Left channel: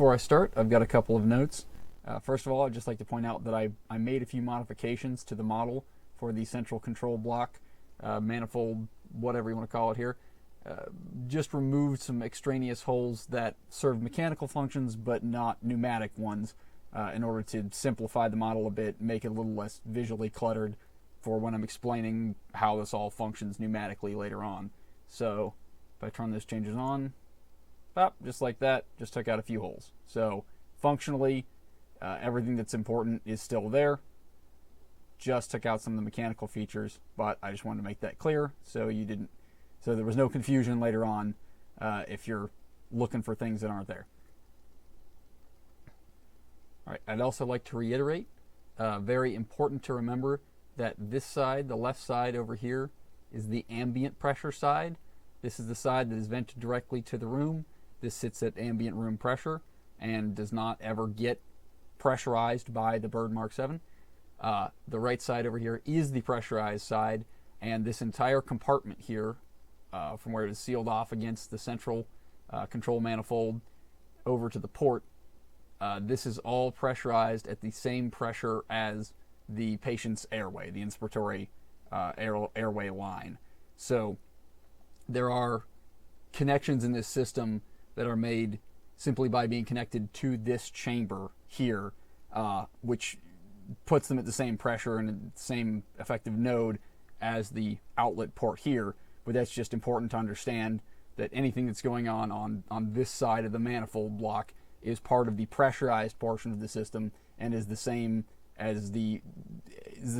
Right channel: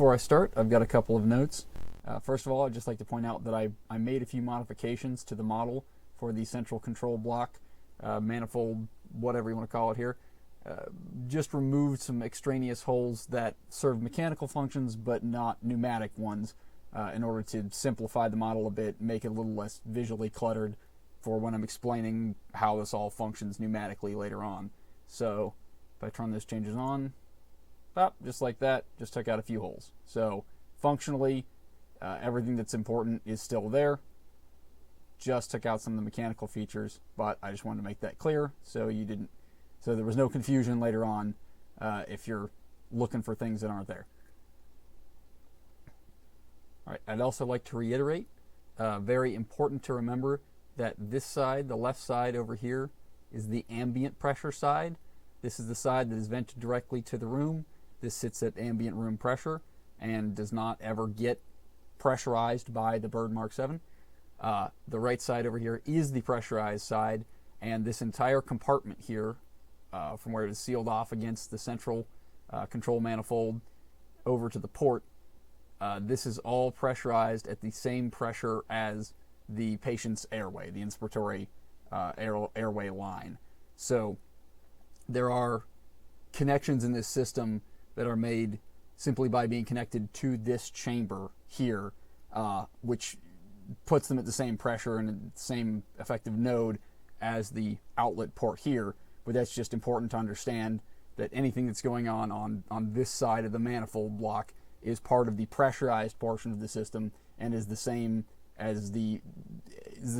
Before I start, I've got a couple of notes. First of all, I'd just like to point out that I made a few modifications to the model for the central control block, manifold, whatever you want to call it here. Just removed some extraneous holes that serve mechanical functions but not pneumatic ones in order to simplify the model a bit, make it a little less visually cluttered for when I'm explaining how this all functions pneumatically later on. So if I turn those changes on, just like that, just took out a few holes. So functionally, everything that's important is still there. Just took out some of the mechanical features, but I just wanted to make that clear so there was no confusion later on if you're looking for things that aren't there. All right, I'd also like to reiterate, very important to remember that this side, the left side over here, is the ambient pressure side. This is the side that is vented directly to the room. This sits at ambient room pressure and does not ever get pressurized by the Bird Mark 7. The right side over here is the pressurized side, and this entire compartment here, from where it is sealed off against the central control manifold over to the port, this is all pressurized at the same pressure as the patient's airway, the inspiratory airway line. So there are connections in this system that are made simply by being connected to this chamber here, which puts them at the same pressure and the same effective node as the outlet port here. But that's just important to understand that anything that's going on this side of the manifold block is part of the pressurized portion of the system and is the same as the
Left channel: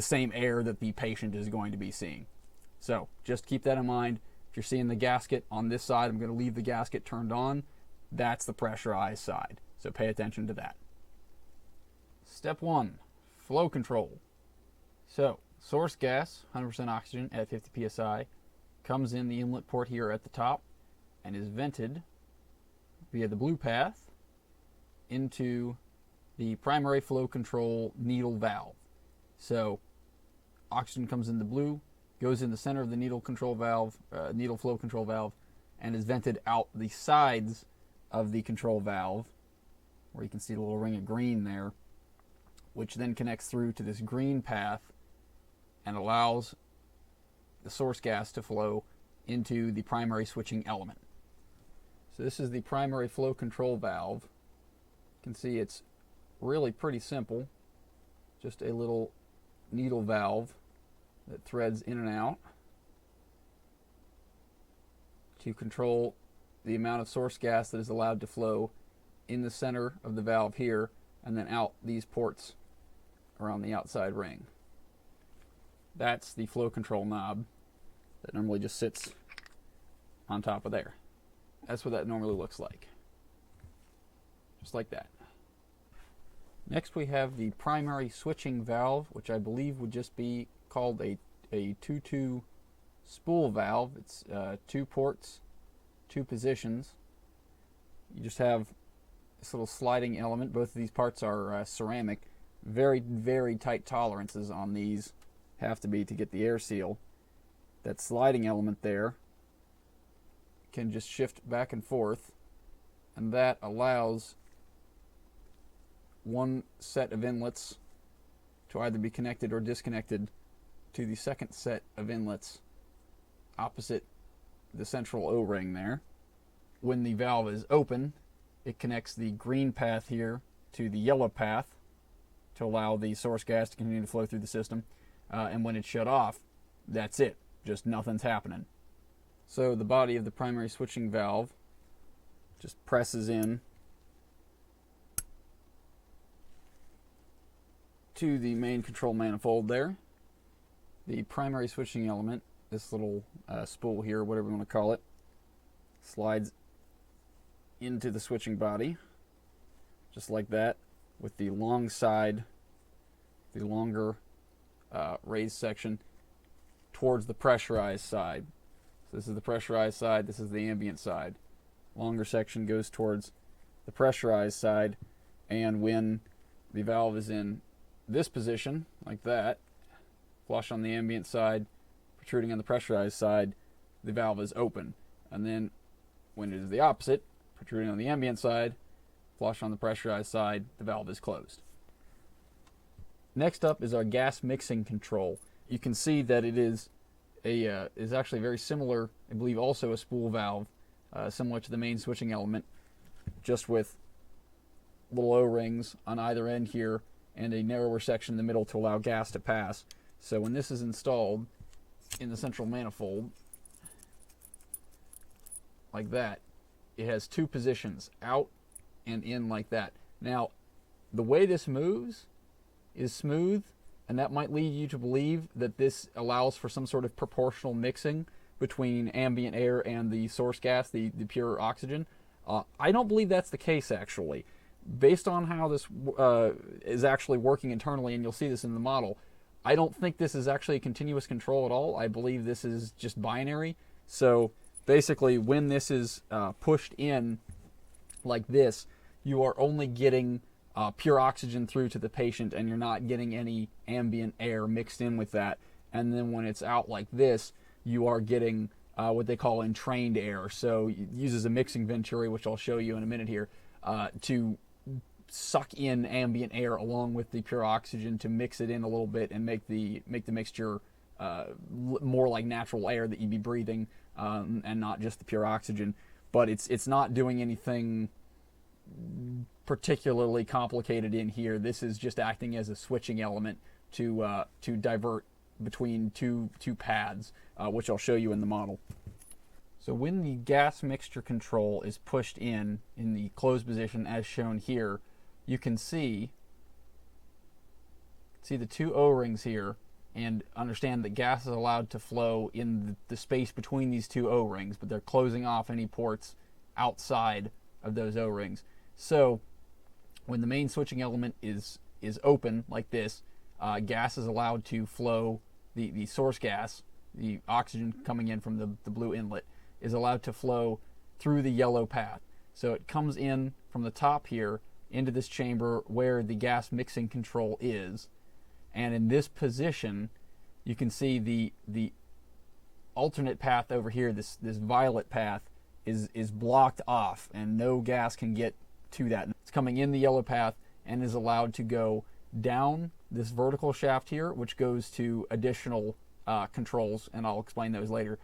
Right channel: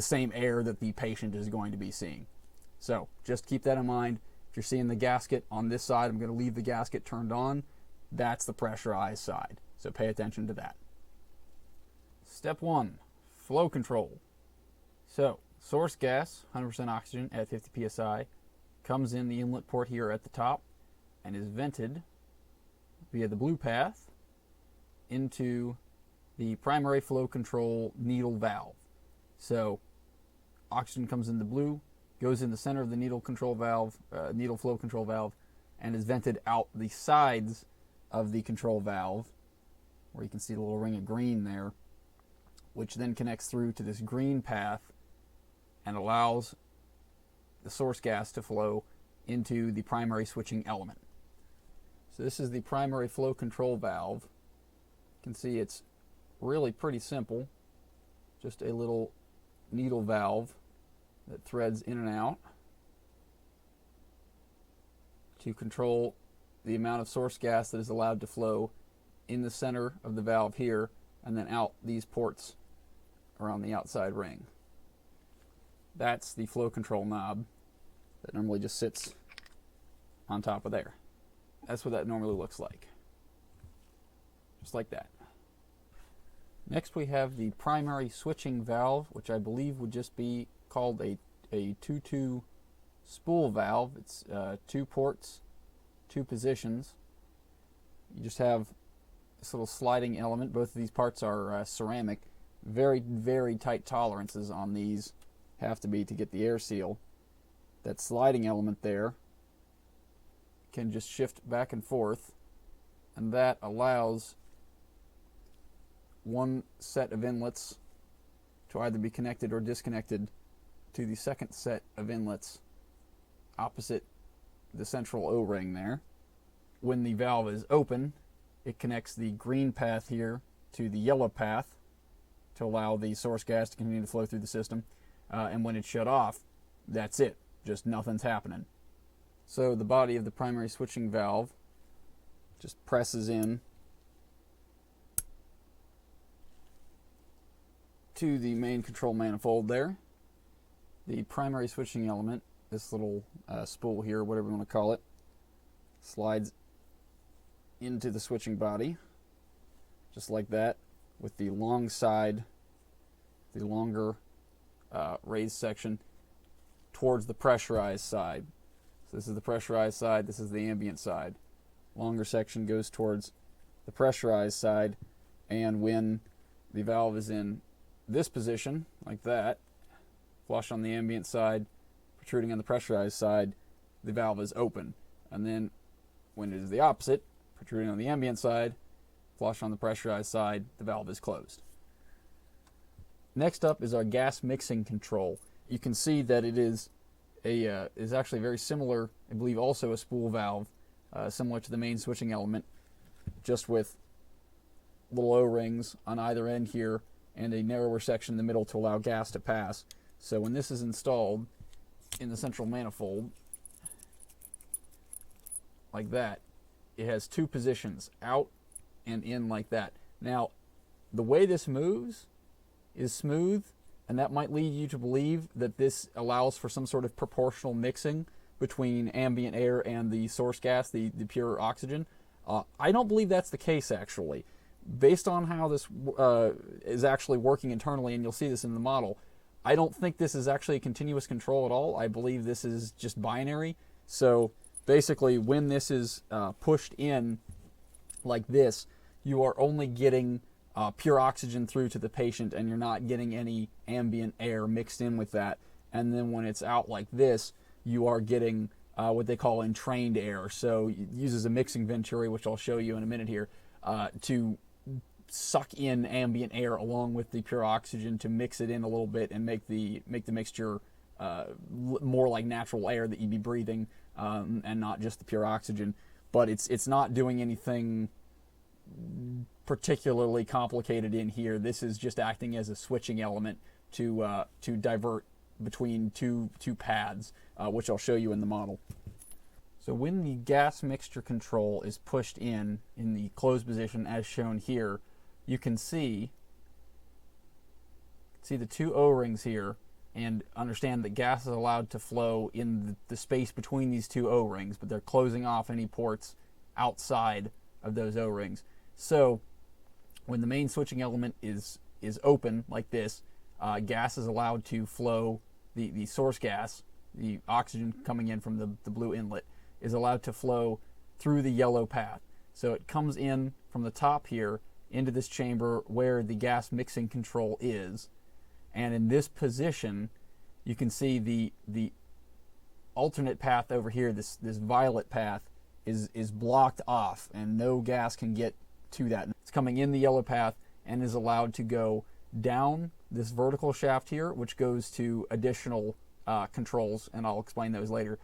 same air that the patient is going to be seeing. So just keep that in mind. If you're seeing the gasket on this side, I'm going to leave the gasket turned on. That's the pressurized side. So pay attention to that. Step 1, flow control. So source gas, 100% oxygen at 50 psi, comes in the inlet port here at the top and is vented via the blue path into the primary flow control needle valve. So oxygen comes in the blue, goes in the center of the needle control valve, needle flow control valve, and is vented out the sides of the control valve, where you can see the little ring of green there, which then connects through to this green path and allows the source gas to flow into the primary switching element. So this is the primary flow control valve. You can see it's really pretty simple. Just a little needle valve that threads in and out to control the amount of source gas that is allowed to flow in the center of the valve here and then out these ports around the outside ring. That's the flow control knob that normally just sits on top of there. That's what that normally looks like. Just like that. Next we have the primary switching valve, which I believe would just be called a 2-2 spool valve. It's 2 ports, 2 positions. You just have this little sliding element. Both of these parts are ceramic. Very, very tight tolerances on these have to be to get the air seal. That sliding element there can just shift back and forth, and that allows one set of inlets to either be connected or disconnected to the second set of inlets opposite the central O-ring there. When the valve is open, it connects the green path here to the yellow path to allow the source gas to continue to flow through the system. And when it's shut off, that's it. Just nothing's happening. So the body of the primary switching valve just presses in to the main control manifold there. The primary switching element, this little spool here, whatever you want to call it, slides into the switching body, just like that, with the long side, the longer raised section, towards the pressurized side. So this is the pressurized side, this is the ambient side. Longer section goes towards the pressurized side, and when the valve is in this position, like that, flush on the ambient side, protruding on the pressurized side, the valve is open. And then when it is the opposite, protruding on the ambient side, flush on the pressurized side, the valve is closed. Next up is our gas mixing control. You can see that it is actually very similar, I believe also a spool valve, similar to the main switching element, just with little O-rings on either end here and a narrower section in the middle to allow gas to pass. So when this is installed in the central manifold, like that, it has two positions, out and in like that. Now, the way this moves is smooth, and that might lead you to believe that this allows for some sort of proportional mixing between ambient air and the source gas, the pure oxygen. I don't believe that's the case, actually. Based on how this is actually working internally, and you'll see this in the model, I don't think this is actually a continuous control at all. I believe this is just binary. So basically, when this is pushed in like this, you are only getting pure oxygen through to the patient, and you're not getting any ambient air mixed in with that. And then when it's out like this, you are getting what they call entrained air. So it uses a mixing venturi, which I'll show you in a minute here, to suck in ambient air along with the pure oxygen to mix it in a little bit and make the mixture more like natural air that you'd be breathing, and not just the pure oxygen. But it's not doing anything particularly complicated in here. This is just acting as a switching element to divert between two paths, which I'll show you in the model. So when the gas mixture control is pushed in the closed position as shown here, you can see the two O-rings here, and understand that gas is allowed to flow in the space between these two O-rings, but they're closing off any ports outside of those O-rings. So when the main switching element is open like this, gas is allowed to flow, the source gas, the oxygen coming in from the blue inlet, is allowed to flow through the yellow path. So it comes in from the top here into this chamber where the gas mixing control is, and in this position you can see the alternate path over here, this violet path, is blocked off, and no gas can get to that. It's coming in the yellow path and is allowed to go down this vertical shaft here, which goes to additional controls, and I'll explain those later.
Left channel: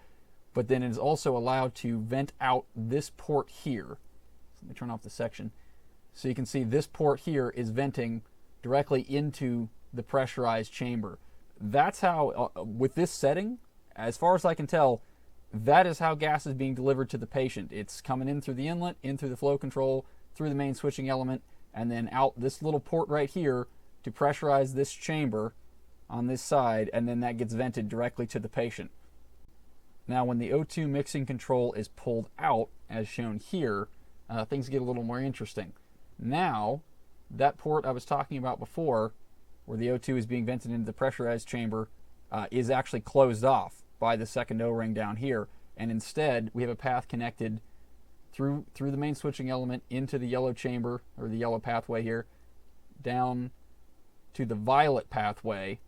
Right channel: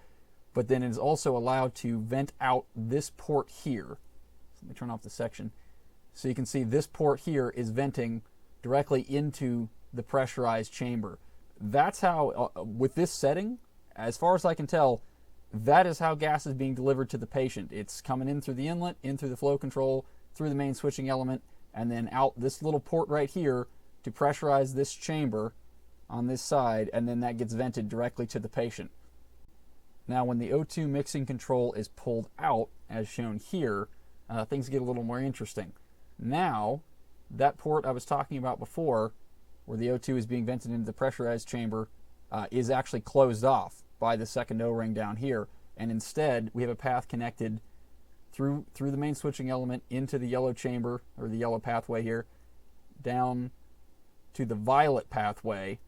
But then it is also allowed to vent out this port here. Let me turn off the section. So you can see this port here is venting directly into the pressurized chamber. That's how, with this setting, as far as I can tell, that is how gas is being delivered to the patient. It's coming in through the inlet, in through the flow control, through the main switching element, and then out this little port right here to pressurize this chamber on this side, and then that gets vented directly to the patient. Now when the O2 mixing control is pulled out, as shown here, things get a little more interesting. Now, that port I was talking about before, where the O2 is being vented into the pressurized chamber, is actually closed off by the second O-ring down here, and instead we have a path connected through the main switching element into the yellow chamber, or the yellow pathway here, down to the violet pathway,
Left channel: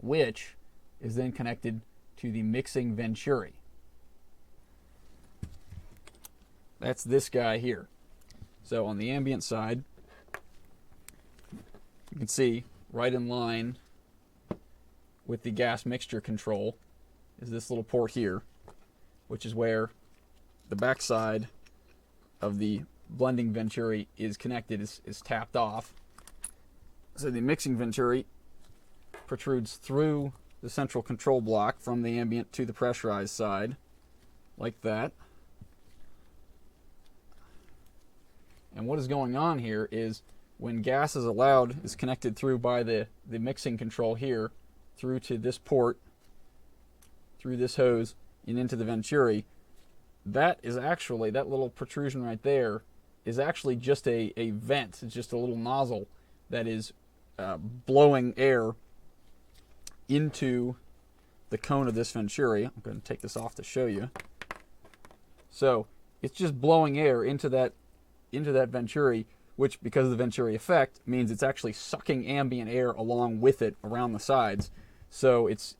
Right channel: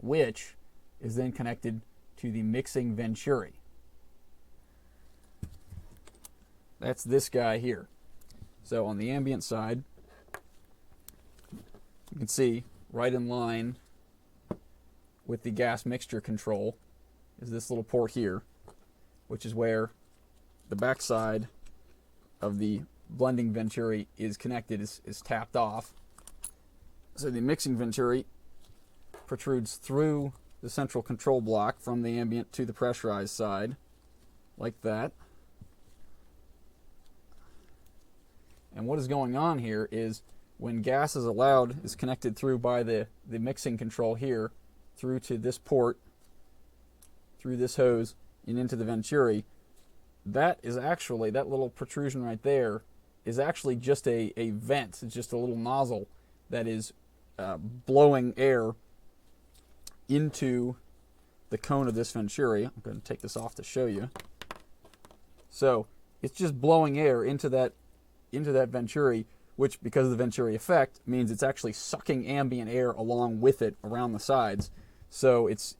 which is then connected to the mixing venturi. That's this guy here. So on the ambient side, you can see right in line with the gas mixture control is this little port here, which is where the backside of the blending venturi is connected, is tapped off. So the mixing venturi protrudes through the central control block from the ambient to the pressurized side, like that. And what is going on here is when gas is allowed, is connected through by the mixing control here, through to this port, through this hose, and into the venturi, that is actually, that little protrusion right there, is actually just a vent. It's just a little nozzle that is blowing air into the cone of this venturi. I'm going to take this off to show you. So it's just blowing air into that venturi, which, because of the venturi effect, means it's actually sucking ambient air along with it around the sides. So it's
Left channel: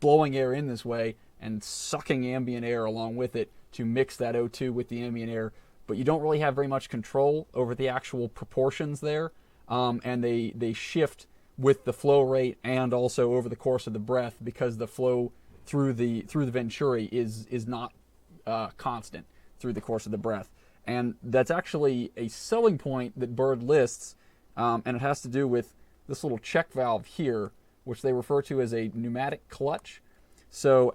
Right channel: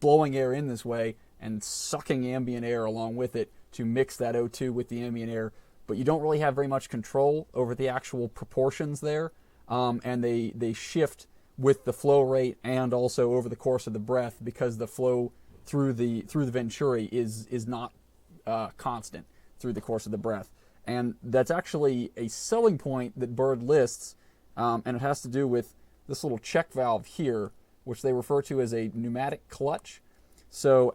blowing air in this way and sucking ambient air along with it to mix that O2 with the ambient air, but you don't really have very much control over the actual proportions there, and they shift with the flow rate and also over the course of the breath, because the flow through the venturi is not constant through the course of the breath. And that's actually a selling point that Bird lists, and it has to do with this little check valve here, which they refer to as a pneumatic clutch. So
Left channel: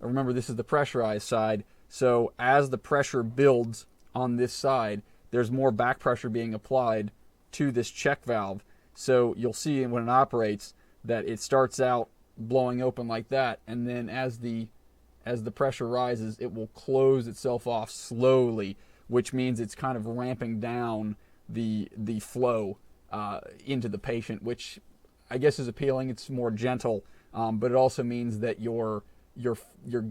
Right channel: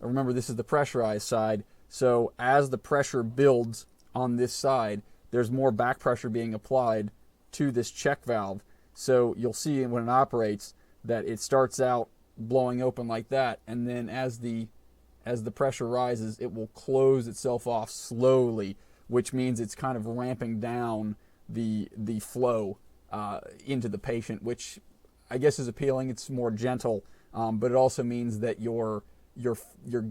remember, this is the pressurized side, so as the pressure builds on this side, there's more back pressure being applied to this check valve. So you'll see when it operates that it starts out blowing open like that, and then as the pressure rises, it will close itself off slowly, which means it's kind of ramping down the flow into the patient, which I guess is appealing. It's more gentle, but it also means that your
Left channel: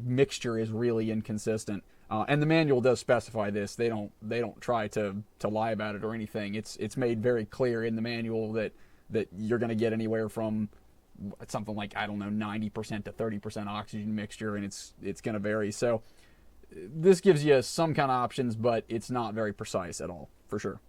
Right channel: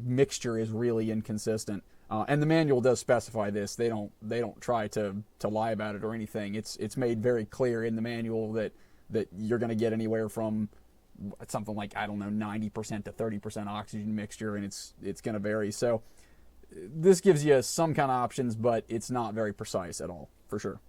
mixture is really inconsistent. And the manual does specify this. They don't try to lie about it or anything. It's made very clear in the manual that you're going to get anywhere from something like, I don't know, 90% to 30% oxygen mixture, and it's going to vary. So this gives you some kind of options, but it's not very precise at all, for sure.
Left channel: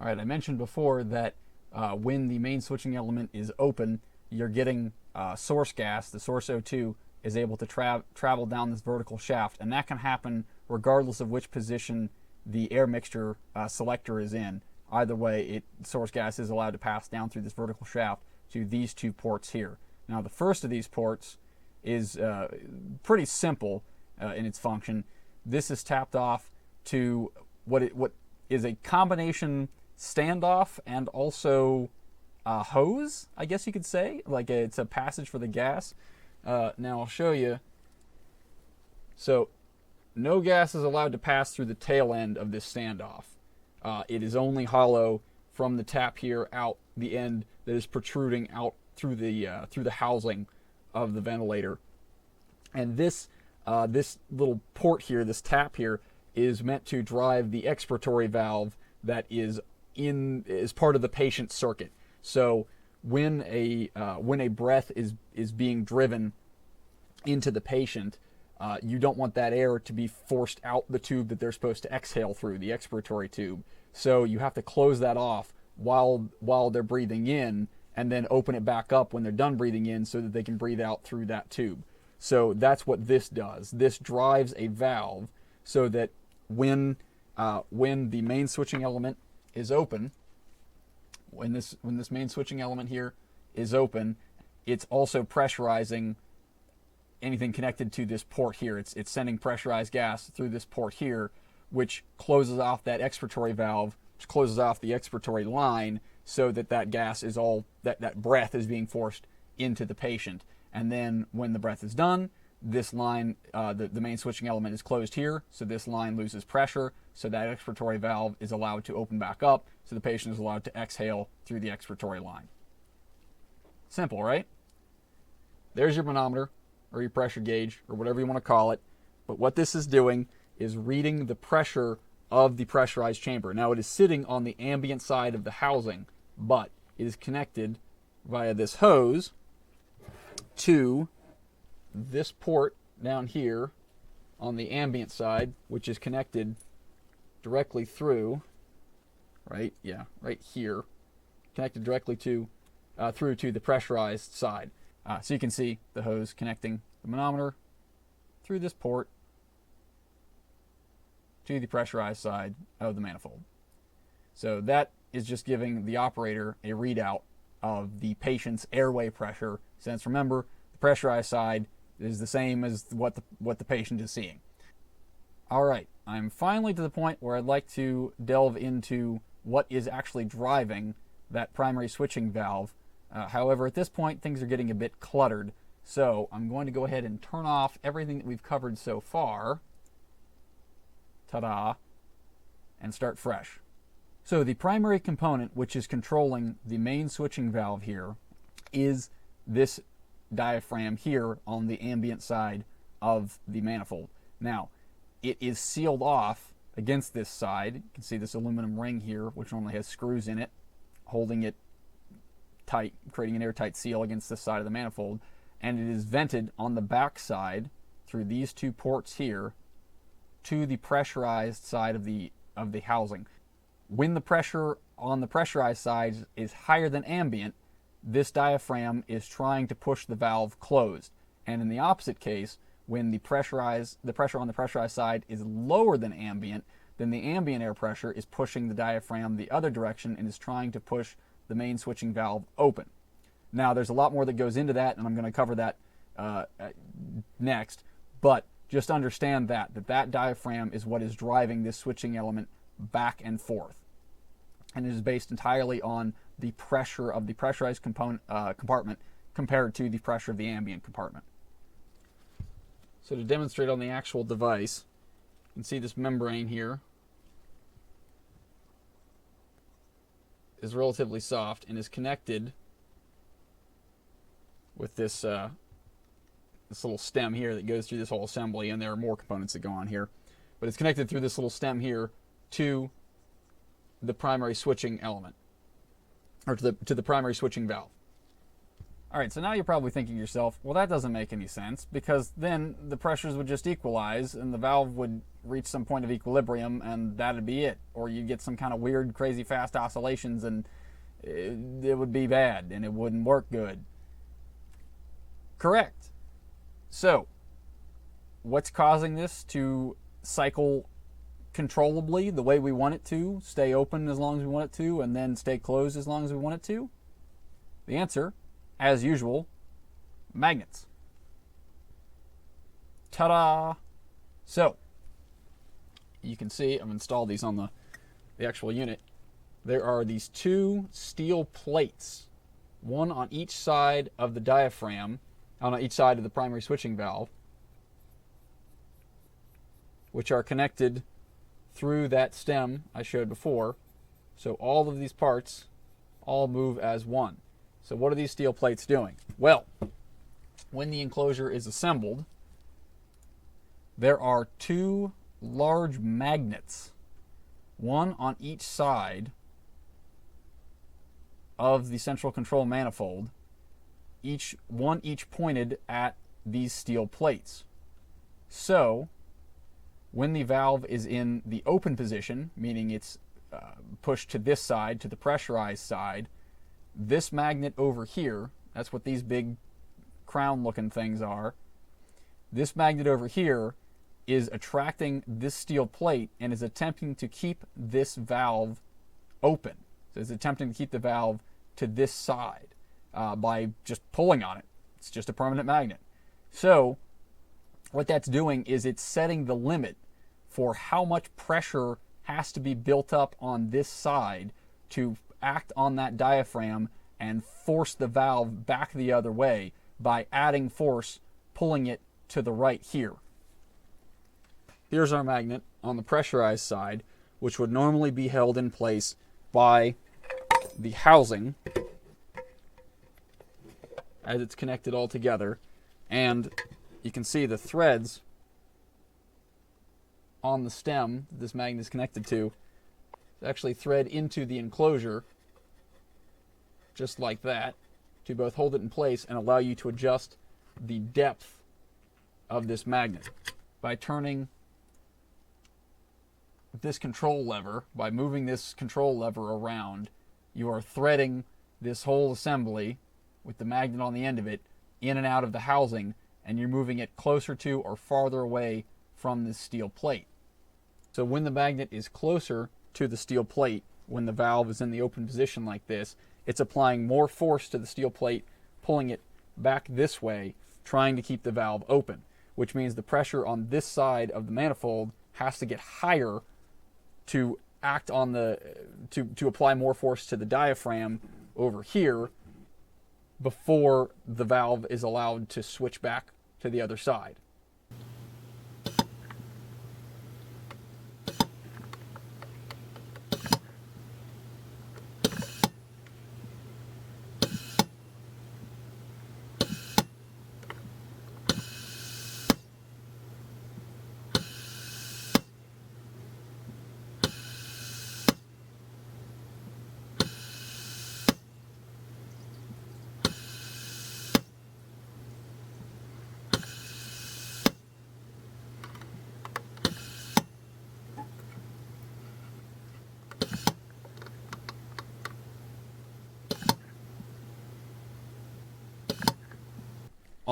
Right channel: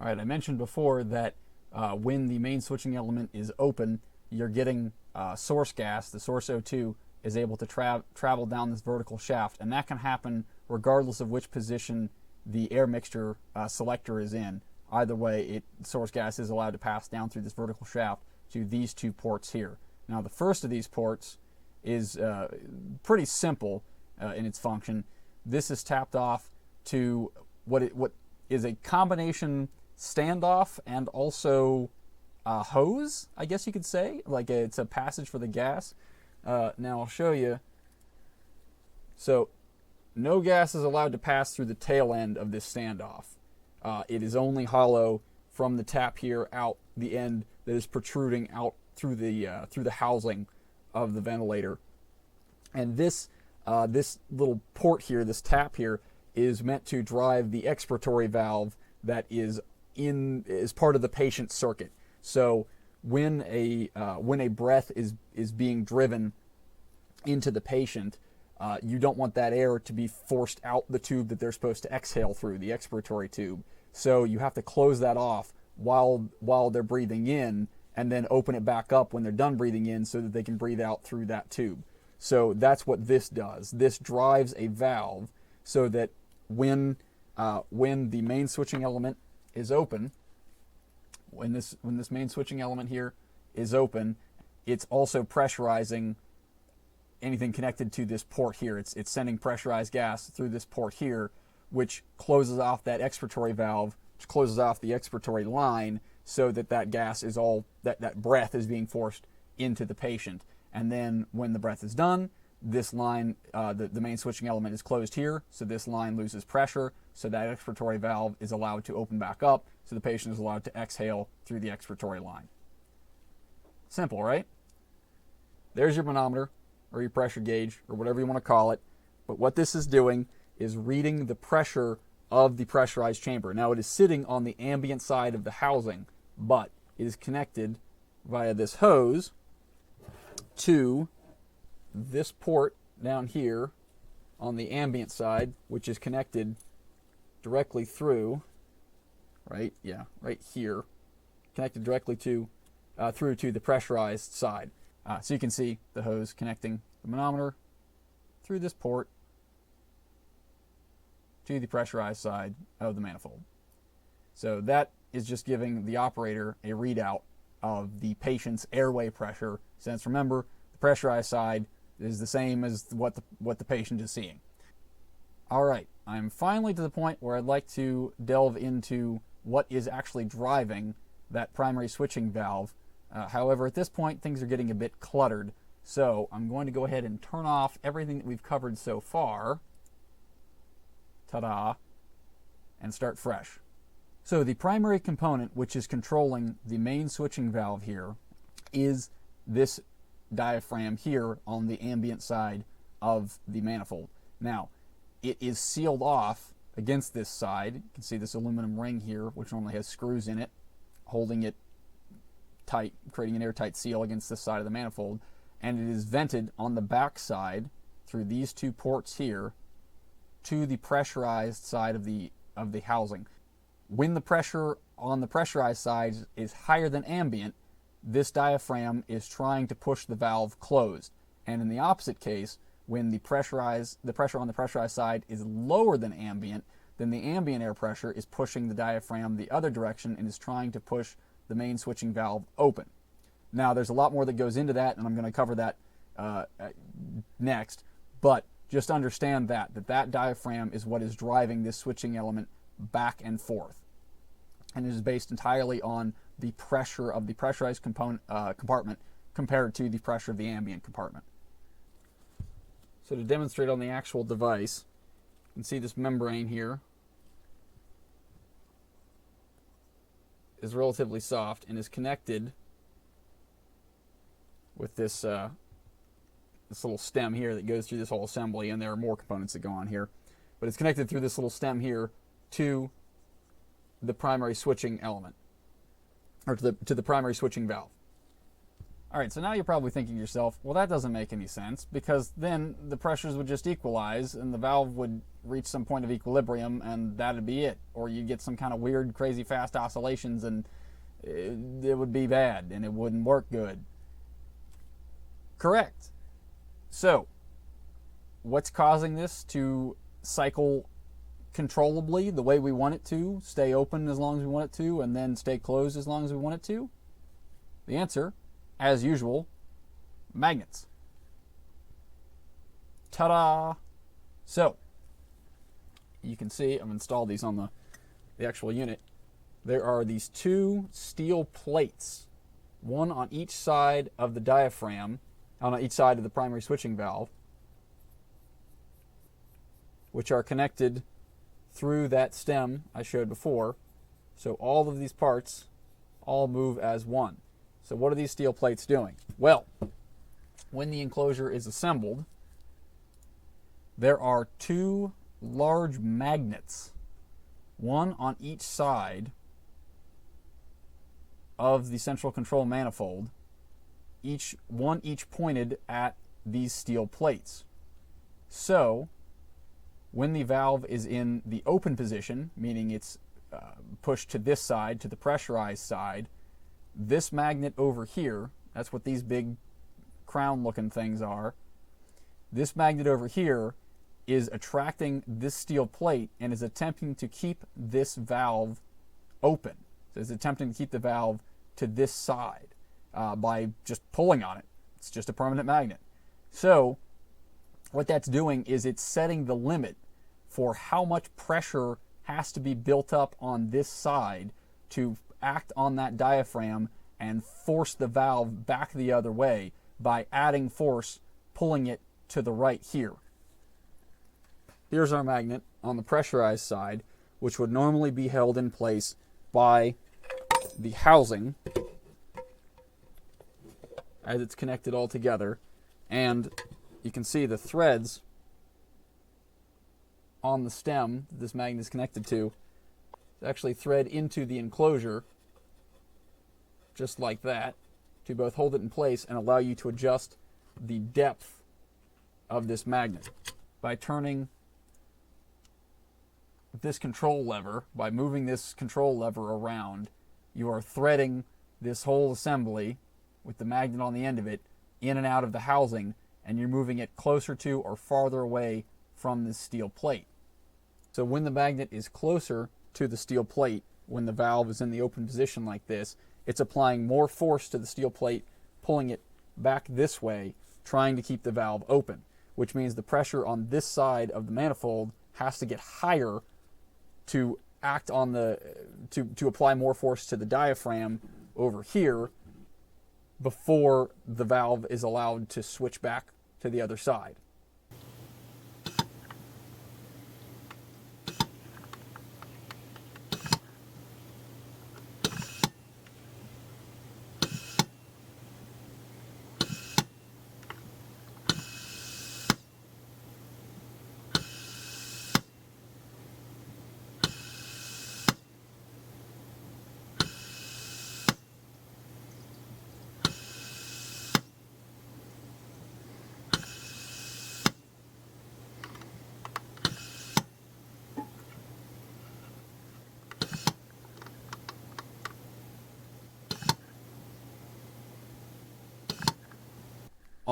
All right, I mentioned before that when the main switching element is open, you're getting source gas. The source O2 is able to travel down this vertical shaft, and that can happen regardless of which position the air mixture selector is in. Either way, source gas is allowed to pass down through this vertical shaft to these two ports here. Now, the first of these ports is pretty simple in its function. This is tapped off to what is a combination standoff and also hose, I guess you could say. Like it's a passage for the gas. Now I'll show you. So no gas is allowed to pass through the tail end of this standoff. It is only hollow from the tap here out the end that is protruding out through the housing of the ventilator. And this little port here, this tap here, is meant to drive the expiratory valve that is part of the patient's circuit. So when a breath is being driven into the patient, you don't want that air to be forced out the tube that they're supposed to exhale through, the expiratory tube. So you have to close that off while they're breathing in, and then open it back up when they're done breathing in so that they can breathe out through that tube. So that's what this does. This drives a valve so that when the main switching element is open, when this main switching element here is open, it's also pressurizing anything connected to this port here. It's sending pressurized gas through this port here, which closes off that expiratory valve, which closes off the expiratory line, so that gas is all that breath is being forced into the patient. And then when the breath is done, this line, the main switching element is closed here, so this line loses pressure, so that expiratory valve is allowed to open back up, so the patient is allowed to exhale through the expiratory line. Simple, right? There's your manometer, or your pressure gauge, or whatever you want to call it. But what this is doing is reading the pressure of the pressurized chamber. Now, it is sitting on the ambient side of the housing, but it is connected via this hose to this port down here on the ambient side, which is connected directly through, right here, connected directly to through to the pressurized side. So you can see the hose connecting the manometer through this port to the pressurized side of the manifold. So that is just giving the operator a readout of the patient's airway pressure, since remember, the pressurized side is the same as what the patient is seeing. All right, I'm finally to the point where I'd like to delve into what is actually driving that primary switching valve. However, at this point, things are getting a bit cluttered, so I'm going to go ahead and turn off everything that we've covered so far ta-da, and start fresh. So the primary component which is controlling the main switching valve here is this diaphragm here on the ambient side of the manifold. Now, it is sealed off against this side. You can see this aluminum ring here, which normally has screws in it, holding it tight, creating an airtight seal against this side of the manifold. And it is vented on the back side through these two ports here to the pressurized side of the housing. When the pressure on the pressurized side is higher than ambient, this diaphragm is trying to push the valve closed. And in the opposite case, when the pressure on the pressurized side is lower than ambient, then the ambient air pressure is pushing the diaphragm the other direction and is trying to push the main switching valve open. Now, there's a lot more that goes into that, and I'm going to cover that next, but just understand that diaphragm is what is driving this switching element back and forth. And it is based entirely on the pressure of the pressurized compartment compared to the pressure of the ambient compartment. So to demonstrate on the actual device, you can see this membrane here is relatively soft and is connected with this little stem here that goes through this whole assembly, and there are more components that go on here. But it's connected through this little stem here to the primary switching element, or to the primary switching valve. All right, so now you're probably thinking to yourself, well, that doesn't make any sense, because then the pressures would just equalize and the valve would reach some point of equilibrium and that'd be it. Or you'd get some kind of weird, crazy fast oscillations and it would be bad and it wouldn't work good. Correct. So, what's causing this to cycle controllably the way we want it to, stay open as long as we want it to, and then stay closed as long as we want it to? The answer, as usual, magnets. Ta-da! So, you can see, I've installed these on the actual unit. There are these two steel plates, one on each side of the diaphragm, on each side of the primary switching valve, which are connected through that stem I showed before. So all of these parts all move as one. So what are these steel plates doing? Well, when the enclosure is assembled, there are two large magnets, one on each side of the central control manifold, each pointed at these steel plates. So when the valve is in the open position, meaning it's pushed to this side, to the pressurized side, this magnet over here, that's what these big crown-looking things are, this magnet over here is attracting this steel plate and is attempting to keep this valve open. So it's attempting to keep the valve to this side by just pulling on it. It's just a permanent magnet. So what that's doing is it's setting the limit for how much pressure has to be built up on this side to act on that diaphragm and force the valve back the other way by adding force, pulling it to the right here. Here's our magnet on the pressurized side, which would normally be held in place by the housing as it's connected all together. And you can see the threads on the stem that this magnet is connected to actually thread into the enclosure just like that to both hold it in place and allow you to adjust the depth of this magnet. By turning this control lever, by moving this control lever around, you are threading this whole assembly with the magnet on the end of it in and out of the housing, and you're moving it closer to or farther away from this steel plate. So when the magnet is closer to the steel plate, when the valve is in the open position like this, it's applying more force to the steel plate, pulling it back this way, trying to keep the valve open, which means the pressure on this side of the manifold has to get higher to act on to apply more force to the diaphragm over here before the valve is allowed to switch back to the other side.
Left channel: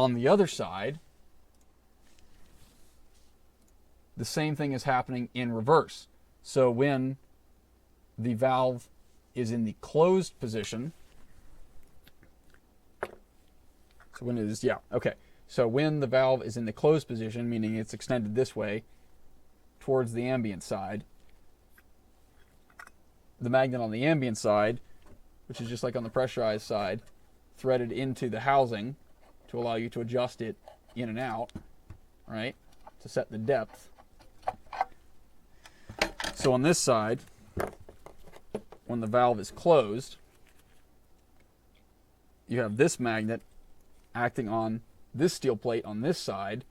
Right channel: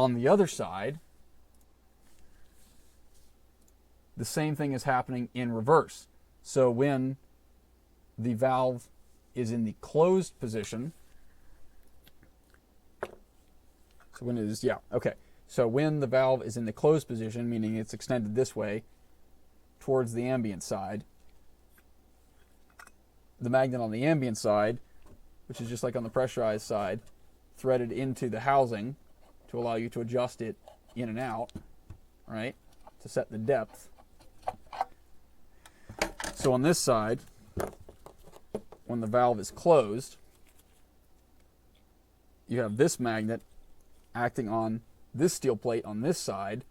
On the other side, the same thing is happening in reverse. So when the valve is in the closed position, so when it is, so when the valve is in the closed position, meaning it's extended this way towards the ambient side, the magnet on the ambient side, which is just like on the pressurized side, threaded into the housing to allow you to adjust it in and out, right, to set the depth. So on this side, when the valve is closed, you have this magnet acting on this steel plate on this side,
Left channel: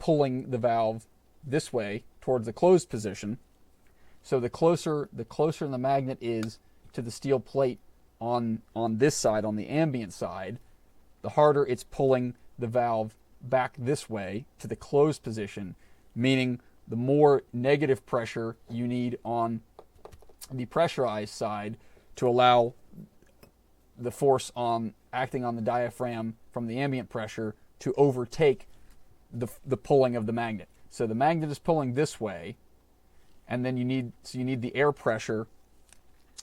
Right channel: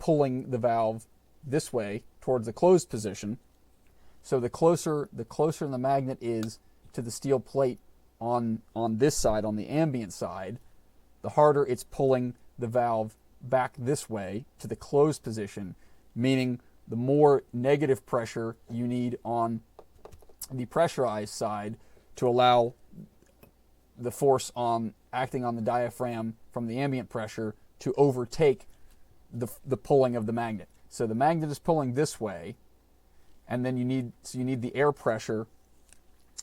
pulling the valve this way towards the closed position. So the closer the magnet is to the steel plate on this side, on the ambient side, the harder it's pulling the valve back this way to the closed position, meaning the more negative pressure you need on the pressurized side to allow the force on acting on the diaphragm from the ambient pressure to overtake the pulling of the magnet. So the magnet is pulling this way, and then you need the air pressure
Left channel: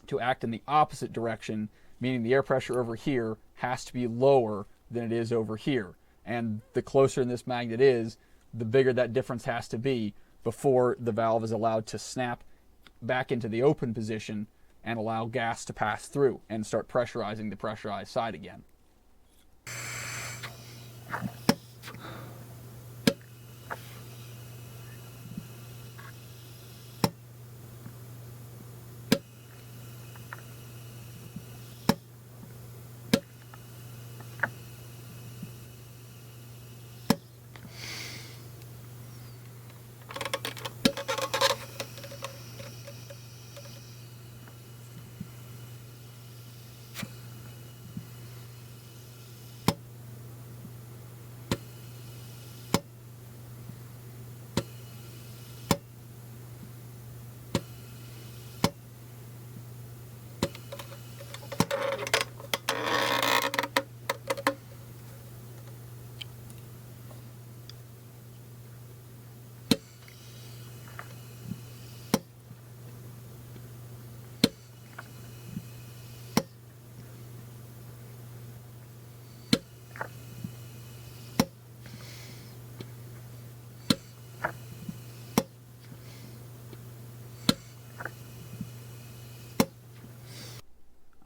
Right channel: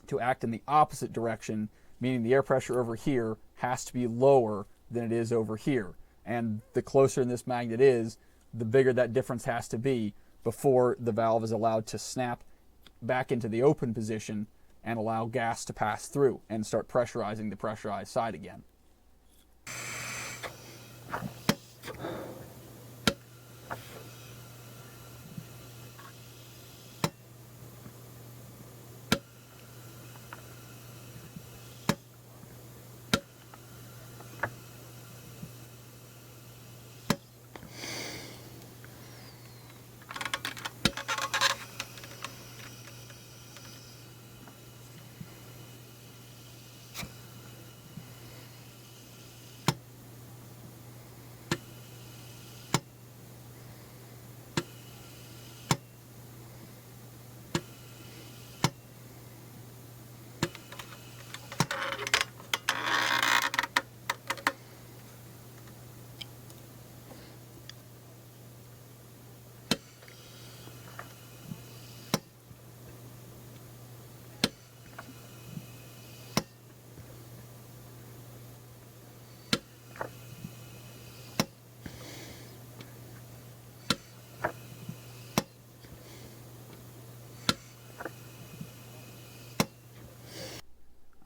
to act in the opposite direction, meaning the air pressure over here has to be lower than it is over here. And the closer this magnet is, the bigger that difference has to be before the valve is allowed to snap back into the open position and allow gas to pass through and start pressurizing the pressurized side again.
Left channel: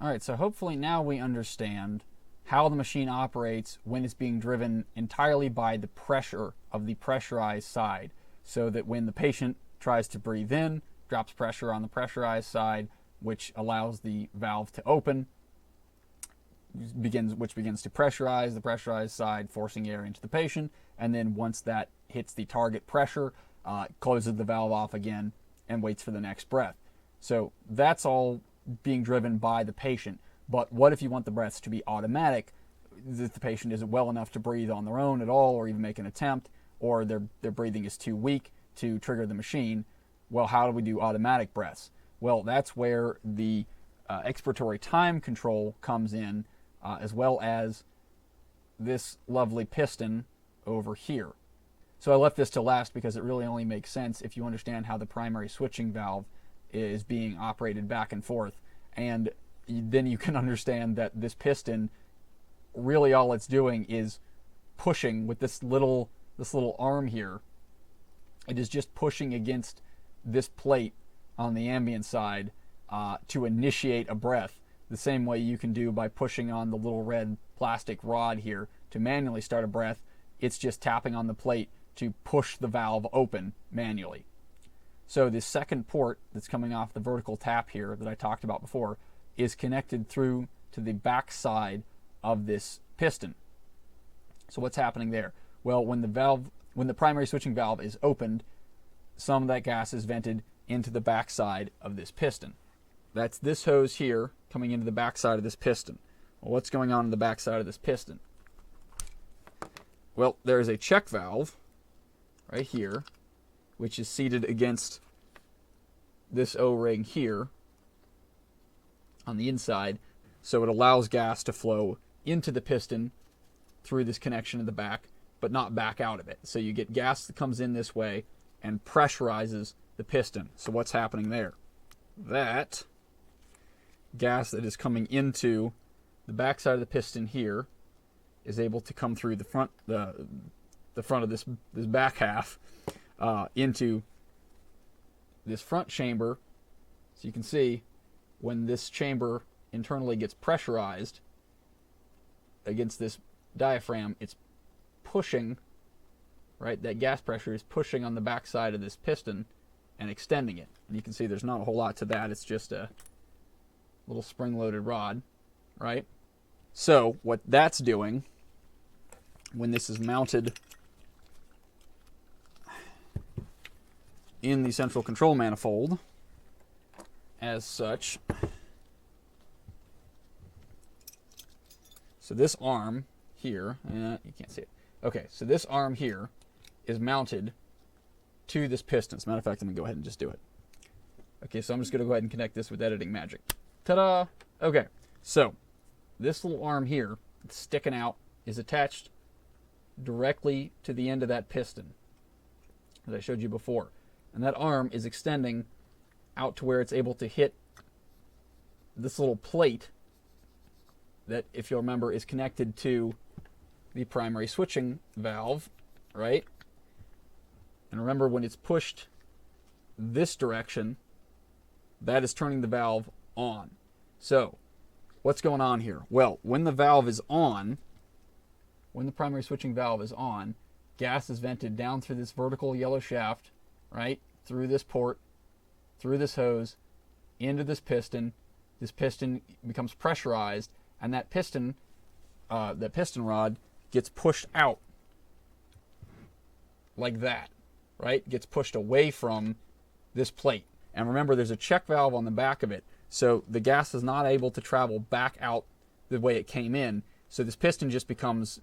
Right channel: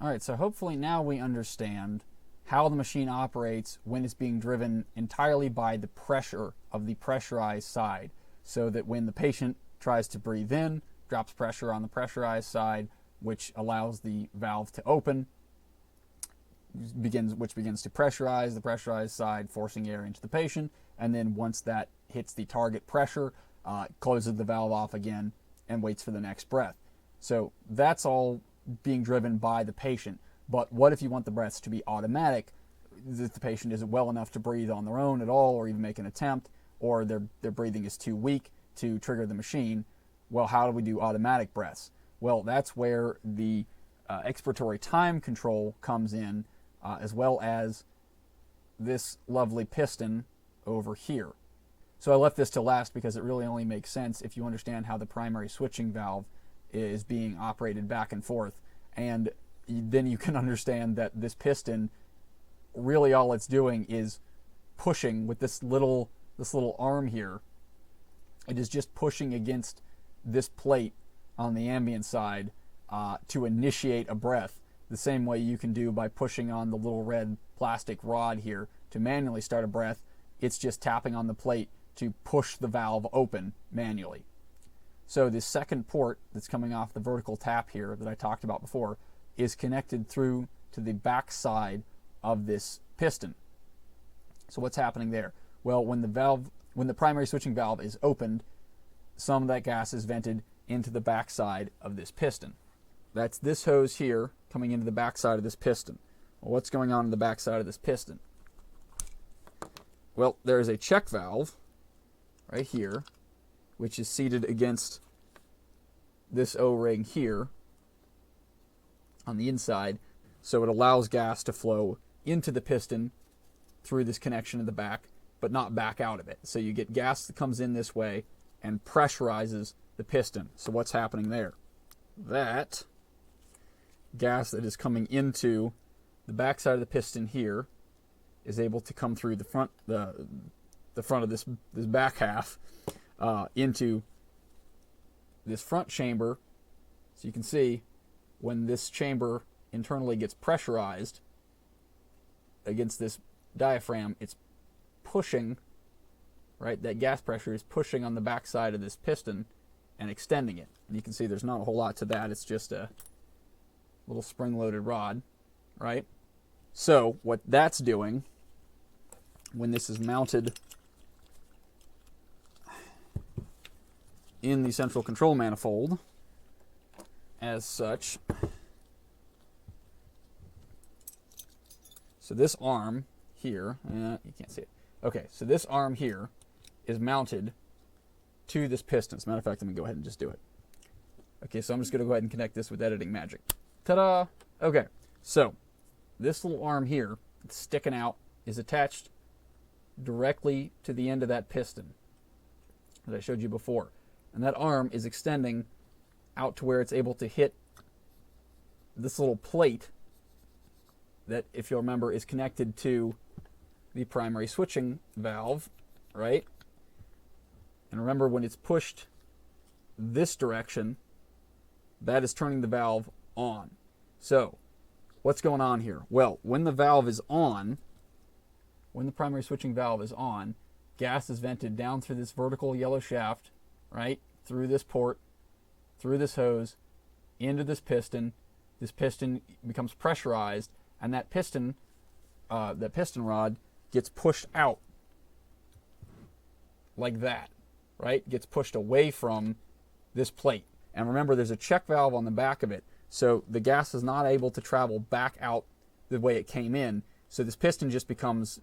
All right, so hopefully now we understand how the machine operates when it's being driven entirely by the pressure of the pressurized side, so that when the patient tries to breathe in, drops pressure on the pressurized side, which allows the valve to open, which begins to pressurize the pressurized side, forcing air into the patient, and then once that hits the target pressure, closes the valve off again and waits for the next breath. So that's all being driven by the patient. But what if you want the breaths to be automatic, if the patient isn't well enough to breathe on their own at all, or even make an attempt, or their breathing is too weak to trigger the machine? Well, how do we do automatic breaths? Well, that's where the expiratory time control comes in, as well as this lovely piston over here. So I left this to last because it really only makes sense if you understand how the primary switching valve is being operated back and forth, and then you can understand that this piston, really all it's doing is pushing with this little arm here. It is just pushing against this plate on the ambient side to initiate a breath, the same way you can do by pushing on the little red plastic rod here to manually start a breath. It's just tapping on the plate to push the valve open manually. So the second port that's coming off the vertical tap here that I talked about before is connected through to the back side of this piston. So what's happening there? Well, when the primary switching valve is opened, some of that gas is vented into the back side of this piston. That's this hose here coming into the back side of this piston. Well, what's going on in the back side of this piston? Well, there is a check valve right here, which is seated against this O-ring here on the inside, so it allows gas to flow into the piston through this connection in the back, but not back out of it. So you get gas that comes in this way and pressurizes the piston. So what's happening there? That gas that is coming into the back side of the piston here is able to come through the front of this back half into this front chamber. So you can see when this chamber internally gets pressurized against this diaphragm, it's pushing, right? That gas pressure is pushing on the back side of this piston and extending it. And you can see there's not a whole lot to that. It's just a little spring-loaded rod, right? So what that's doing when this is mounted in the central control manifold as such. So this arm here, you can't see it. Okay, so this arm here is mounted to this piston. As a matter of fact, I'm going to go ahead and just do it. Okay, so I'm just going to go ahead and connect this with editing magic. Ta-da! Okay, so this little arm here that's sticking out is attached directly to the end of that piston, as I showed you before. And that arm is extending out to where it's able to hit this little plate that, if you'll remember, is connected to the primary switching valve, right? And remember, when it's pushed this direction, that is turning the valve on. So, what's going on here? Well, when the valve is on, when the primary switching valve is on, gas is vented down through this vertical yellow shaft, right? Through this port, through this hose, into this piston. This piston becomes pressurized, and that piston rod gets pushed out like that, right? Gets pushed away from this plate. And remember, there's a check valve on the back of it, so the gas is not able to travel back out the way it came in. So this piston just becomes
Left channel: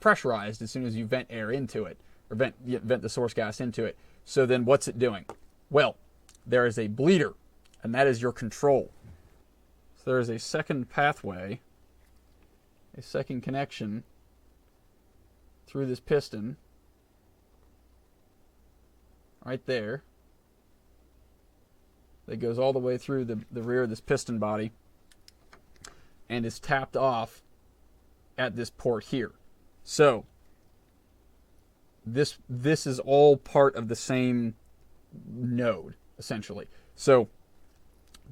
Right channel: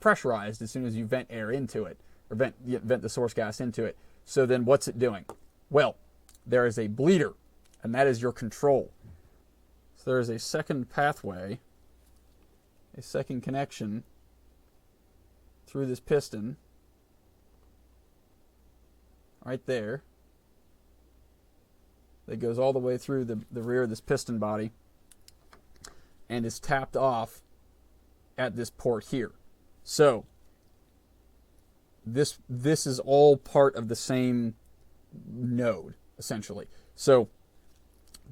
pressurized as soon as you vent air into it, or vent the source gas into it. So then what's it doing? Well, there is a bleeder, and that is your control. So there is a second pathway, a second connection through this piston right there that goes all the way through the rear of this piston body and is tapped off at this port here. So this is all part of the same node, essentially. So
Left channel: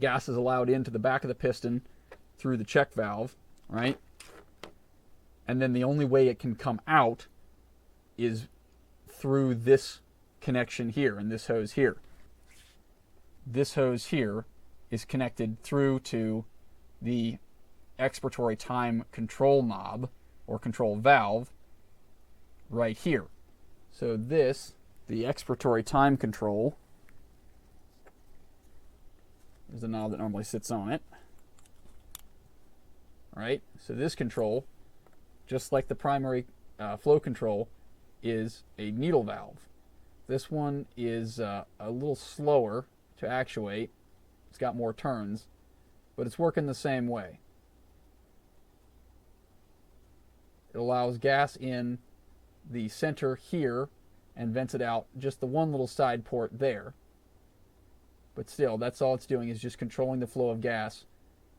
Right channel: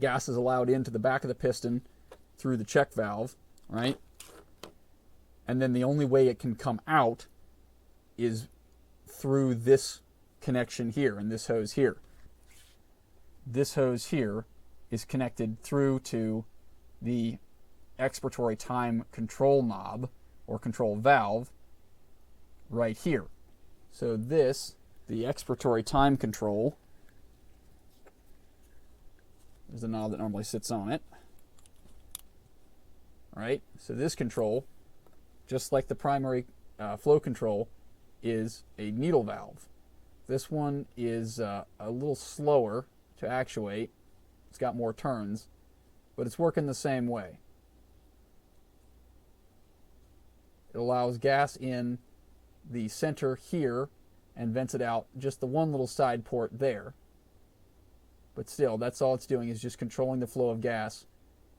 gas is allowed into the back of the piston through the check valve, right? And then the only way it can come out is through this connection here and this hose here. This hose here is connected through to the expiratory time control knob or control valve right here. So this, the expiratory time control, is the knob that normally sits on it. Right? So this control, just like the primary flow control, is a needle valve. This one is a little slower to actuate. It's got more turns, but it's working the same way. It allows gas in the center here and vents it out just the one little side port there. But still, that's all it's doing, is just controlling the flow of gas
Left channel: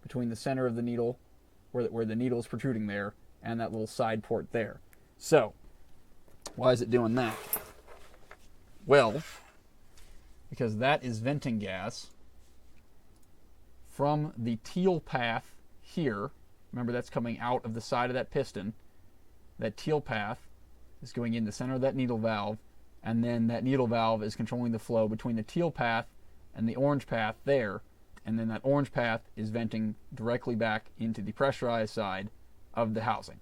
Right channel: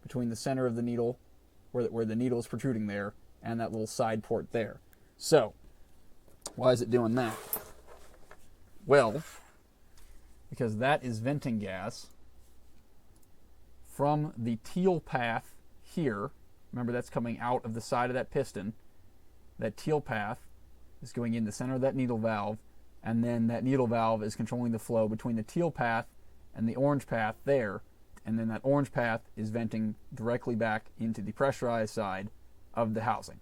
between the center of the needle, where the needle is protruding there, and that little side port there. So, why is it doing that? Well, because that is venting gas from the teal path here. Remember, that's coming out of the side of that piston. That teal path is going in the center of that needle valve, and then that needle valve is controlling the flow between the teal path and the orange path there, and then that orange path is venting directly back into the pressurized side of the housing.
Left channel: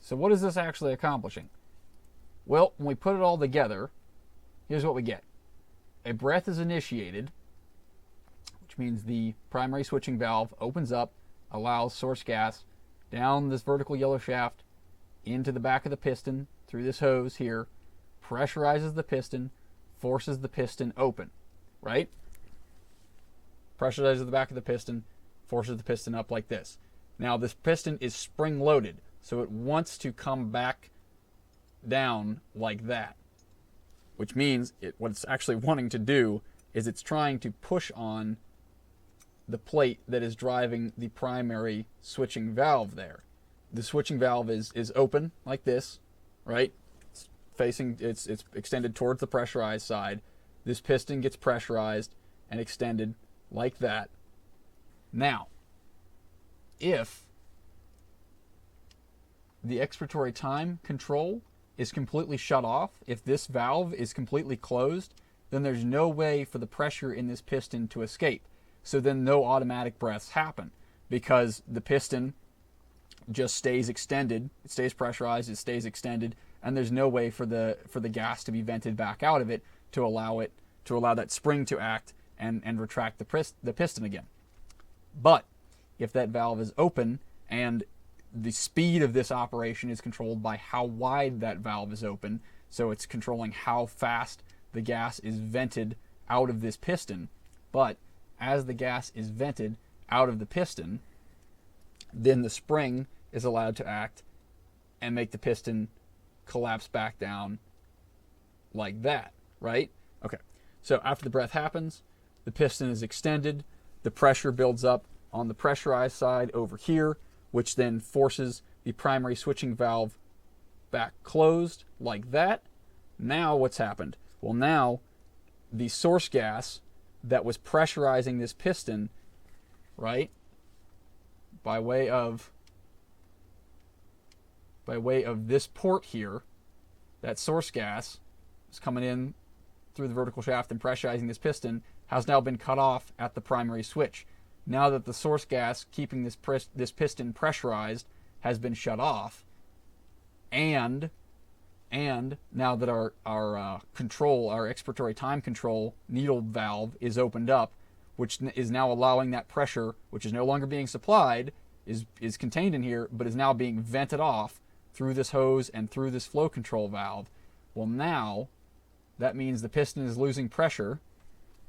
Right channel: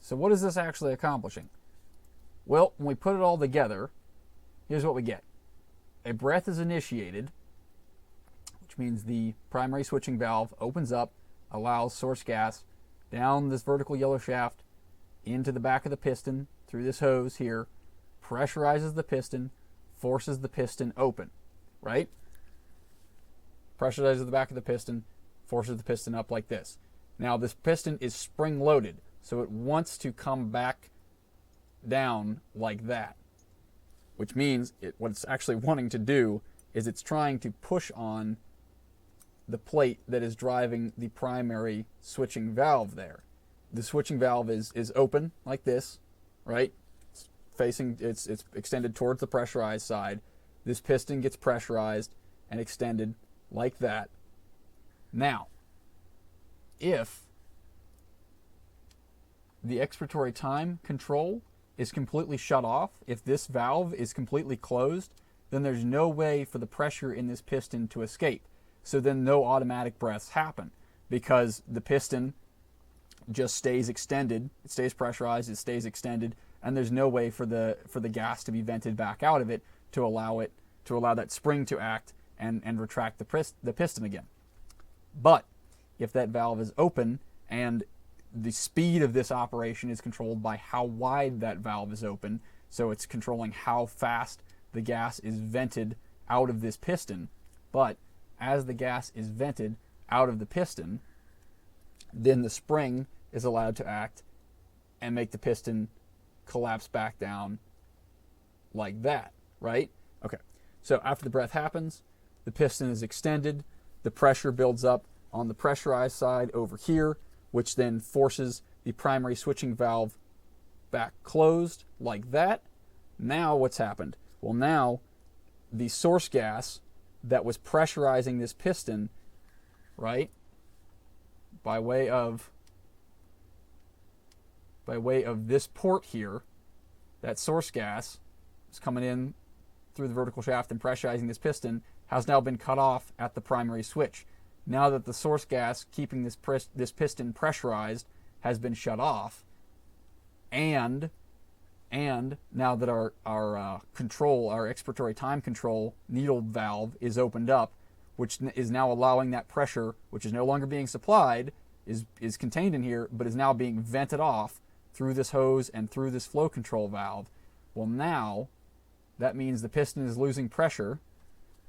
So what is this actually accomplishing? Well, when we put it all together, here's what we get. A breath is initiated, which means the primary switching valve opens up, allows source gas down this vertical yellow shaft into the back of the piston through this hose here, pressurizes the piston, forces the piston open, right? Pressurizes the back of the piston, forces the piston up like this. Now this piston is spring-loaded, So it wants to come back down like that, which means what it's actually wanting to do is it's trying to push on the plate that is driving the primary switching valve there. The switching valve is open like this, right? It's extended towards the pressurized side. This piston gets pressurized and extended like that. Now, if the expiratory time control is completely shut off, if this valve is completely closed, then there's no way for the pressure in this piston to escape. So then no automatic breaths happen because the piston just stays extended, it stays pressurized, it stays extended, and there's no way for the gas to be vented back out of it to allow that spring to act and retract the piston again. But if that valve is open and the speed of this operation is controlled by how wide that valve is open, so it's controlling how fast the gas is vented out of this piston. But as the gas is vented out of the piston, then the spring is allowed to act and make the piston collapse back down like that, right? Okay, so after the breath happens, the piston is extended, the pressure builds up on the pressurized side over here, which then forces the primary switching valve back closed like that. Now what's happened? Well, now the source gas that was pressurizing this piston, right, by way of this port here, that source gas is coming in through the vertical shaft and pressurizing this piston, has now been cut off at the primary switch. Now that the source gas keeping this piston pressurized has been shut off, and now that our control, our expiratory time control needle valve is opened up, which is now allowing that pressure, which is no longer being supplied, is contained in here, but is now being vented off through this hose and through this flow control valve. Well, now that means the piston is losing pressure,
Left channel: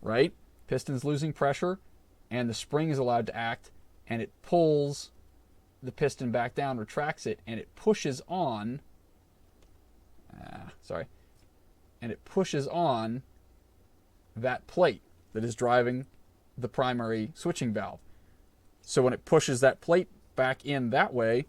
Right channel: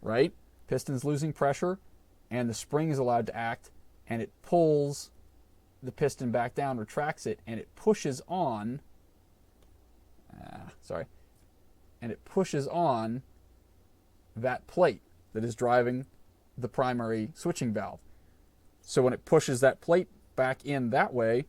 right? Piston's losing pressure, and the spring is allowed to act, and it pulls the piston back down, retracts it, and it pushes on, and it pushes on that plate that is driving the primary switching valve. So when it pushes that plate back in that way,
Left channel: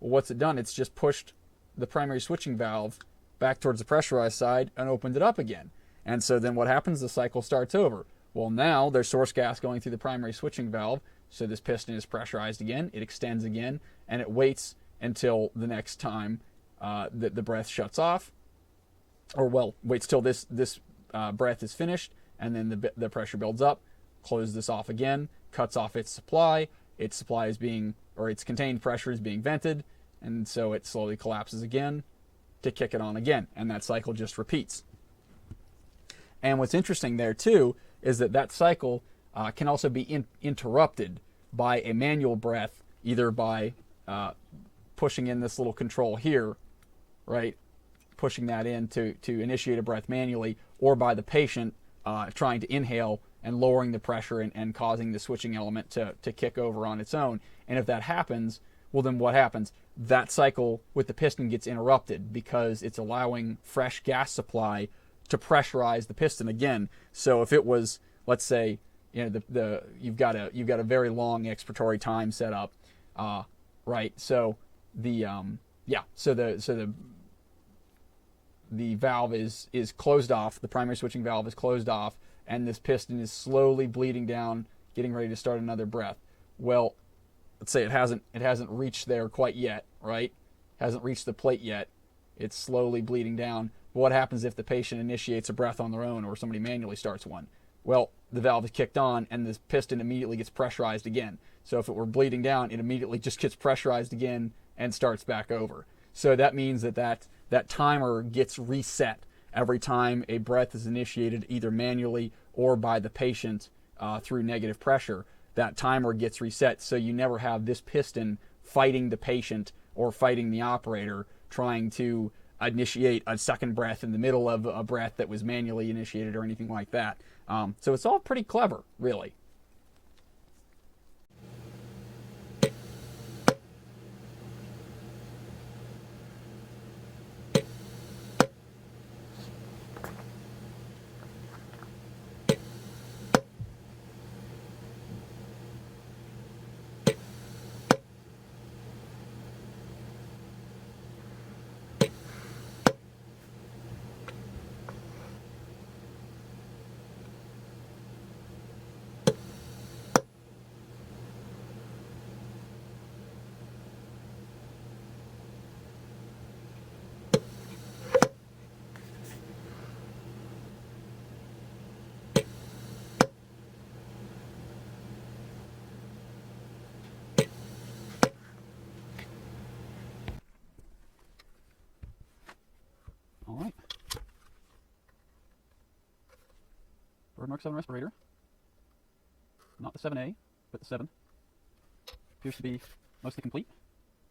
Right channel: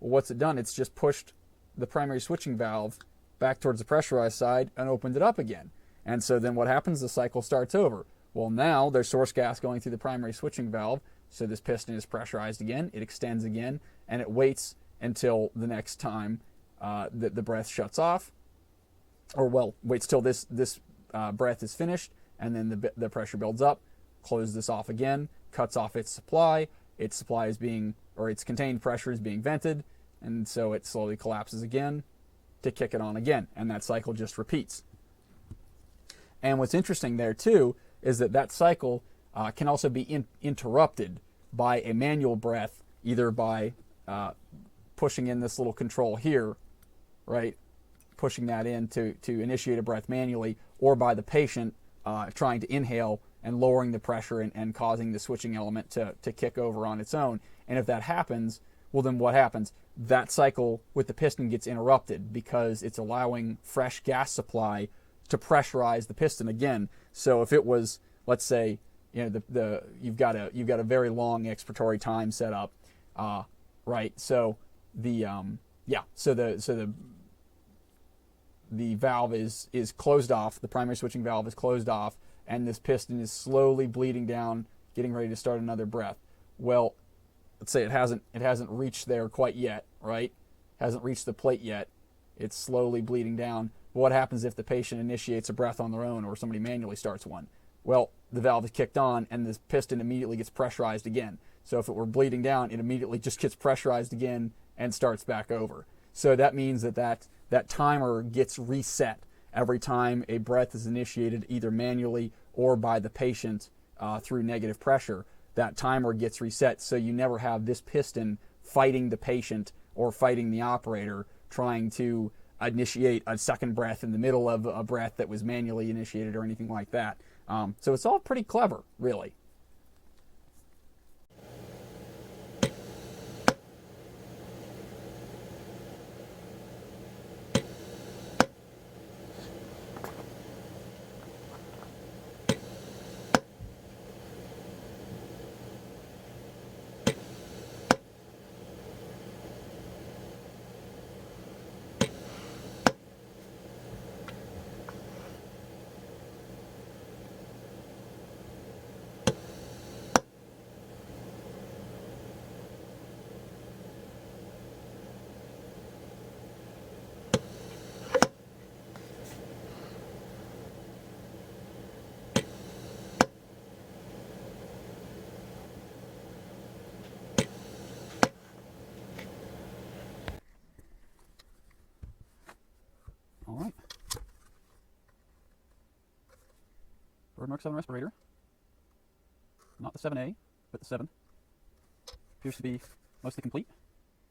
well, what's it done? It's just pushed the primary switching valve back towards the pressurized side and opened it up again. And so then what happens? The cycle starts over. Well, now there's source gas going through the primary switching valve, so this piston is pressurized again, it extends again, and it waits until the next time that the breath shuts off, or well, waits till this breath is finished, and then the pressure builds up, closes this off again, cuts off its supply is being, or its contained pressure is being vented, and so it slowly collapses again to kick it on again, and that cycle just repeats. And what's interesting there too is that cycle can also be interrupted by a manual breath, either by pushing in this little control here, right, pushing that in to initiate a breath manually, or by the patient trying to inhale and lowering the pressure and causing the switching element to kick over on its own. And if that happens, well, then what happens? That cycle with the piston gets interrupted because it's allowing fresh gas supply to pressurize the piston again. So if it was, let's say, you know, you've got a very long expiratory time set up, right? So the valve is closed off, the primary switching valve is closed off, and this piston is slowly bleeding down, getting ready to start another breath. Well, let's say it hasn't reached there quite yet, right? Hasn't reached the plate yet. It's slowly bleeding down. What happens if the patient initiates a breath on their own, or somebody manually starts one? Well, the valve is kicked on and the piston immediately gets pressurized again. So if it were bleeding down, it immediately just gets pressurized again and starts back over. So that means that timer gets reset every time a breath is initiated, either manually or by the patient through negative pressure. That timer gets reset, so you never have this piston fighting the patient or fighting the operator trying to initiate a second breath in the middle of a breath that was manually initiated or anything like that. So it's all pretty clever, really. marks on the respirator. Not the 7A, but the 7. Appears to be mostly complete.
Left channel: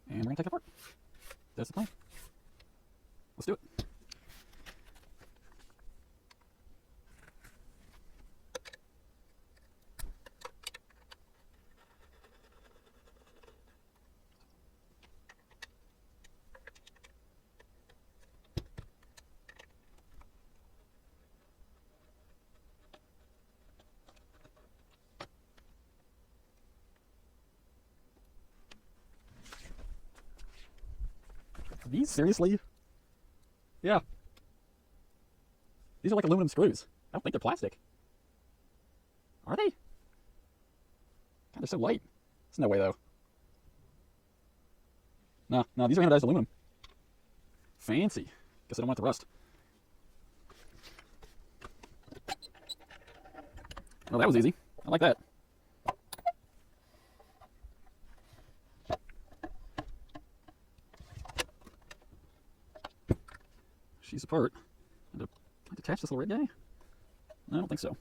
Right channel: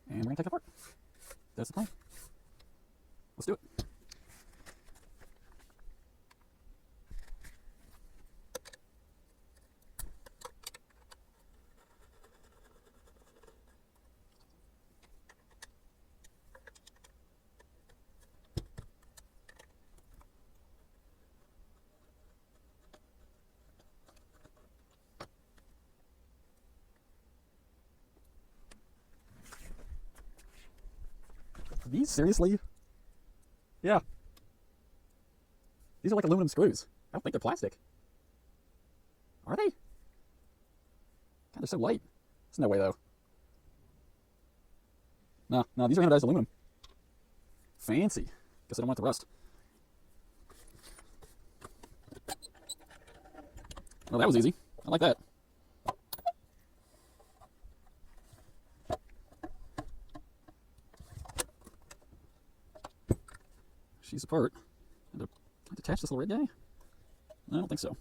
And we're going to take it apart. That's the plan. Let's do it. These, seriously? Yeah. These are like aluminum screws. I don't think they're plastic. Are they? God, they're so light. There's no way, though. No, these are anodized aluminum. Fancy. Guess I don't want the rust. Well, that was easy. I like that. She's apart. I detach this little red guy? I don't think so.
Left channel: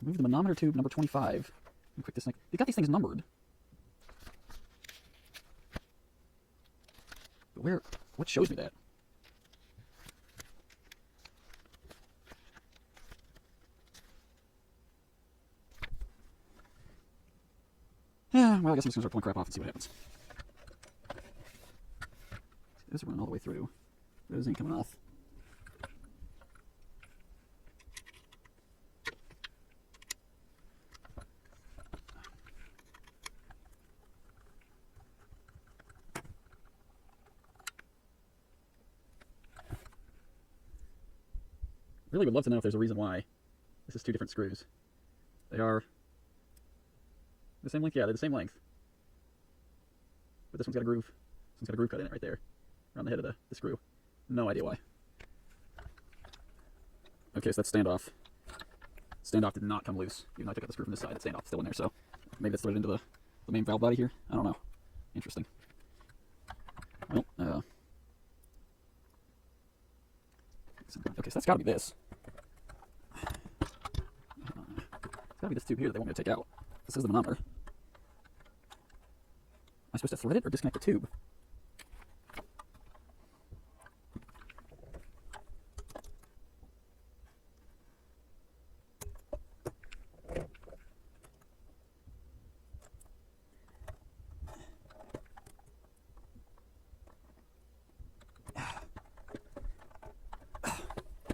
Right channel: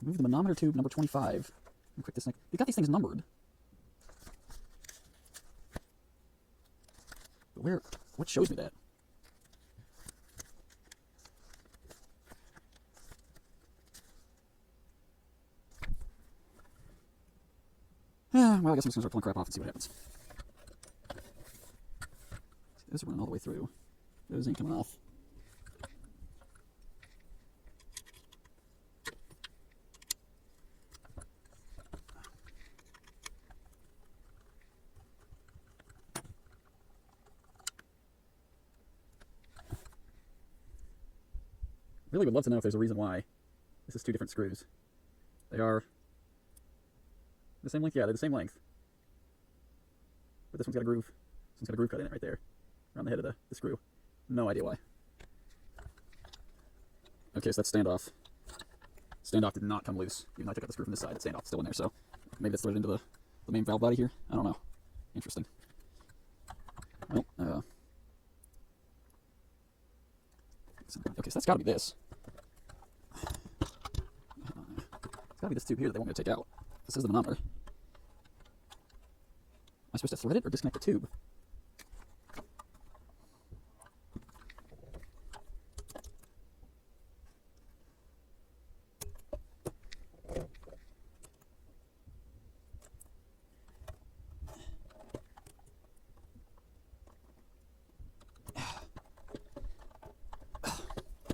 Remove the manometer tube number 25. Quick, this thing. They got these things numbered. But where? What shows me that? Yeah, well, I guess we'll just pulling crap off and see what happens. Those are running all the way through. Those ain't coming off. Really would love to know if there's a reason why this is two different screws. They are the same length? Yeah, they're the same length. But this one's got a groove. This one's got a groove cut in it right there. Around the head of the screw. No idea why. Okay, so that's standoff. Standoff did not come loose. I took out the screw from this side. The standoff's still in there, so maybe that's threaded into the main valve body here. I don't know. Interesting. Oh, okay, so that's got to be this. It's got to be this tube here that we're going to take out. This is the manometer. Am I supposed to thread it or disconnect the tube?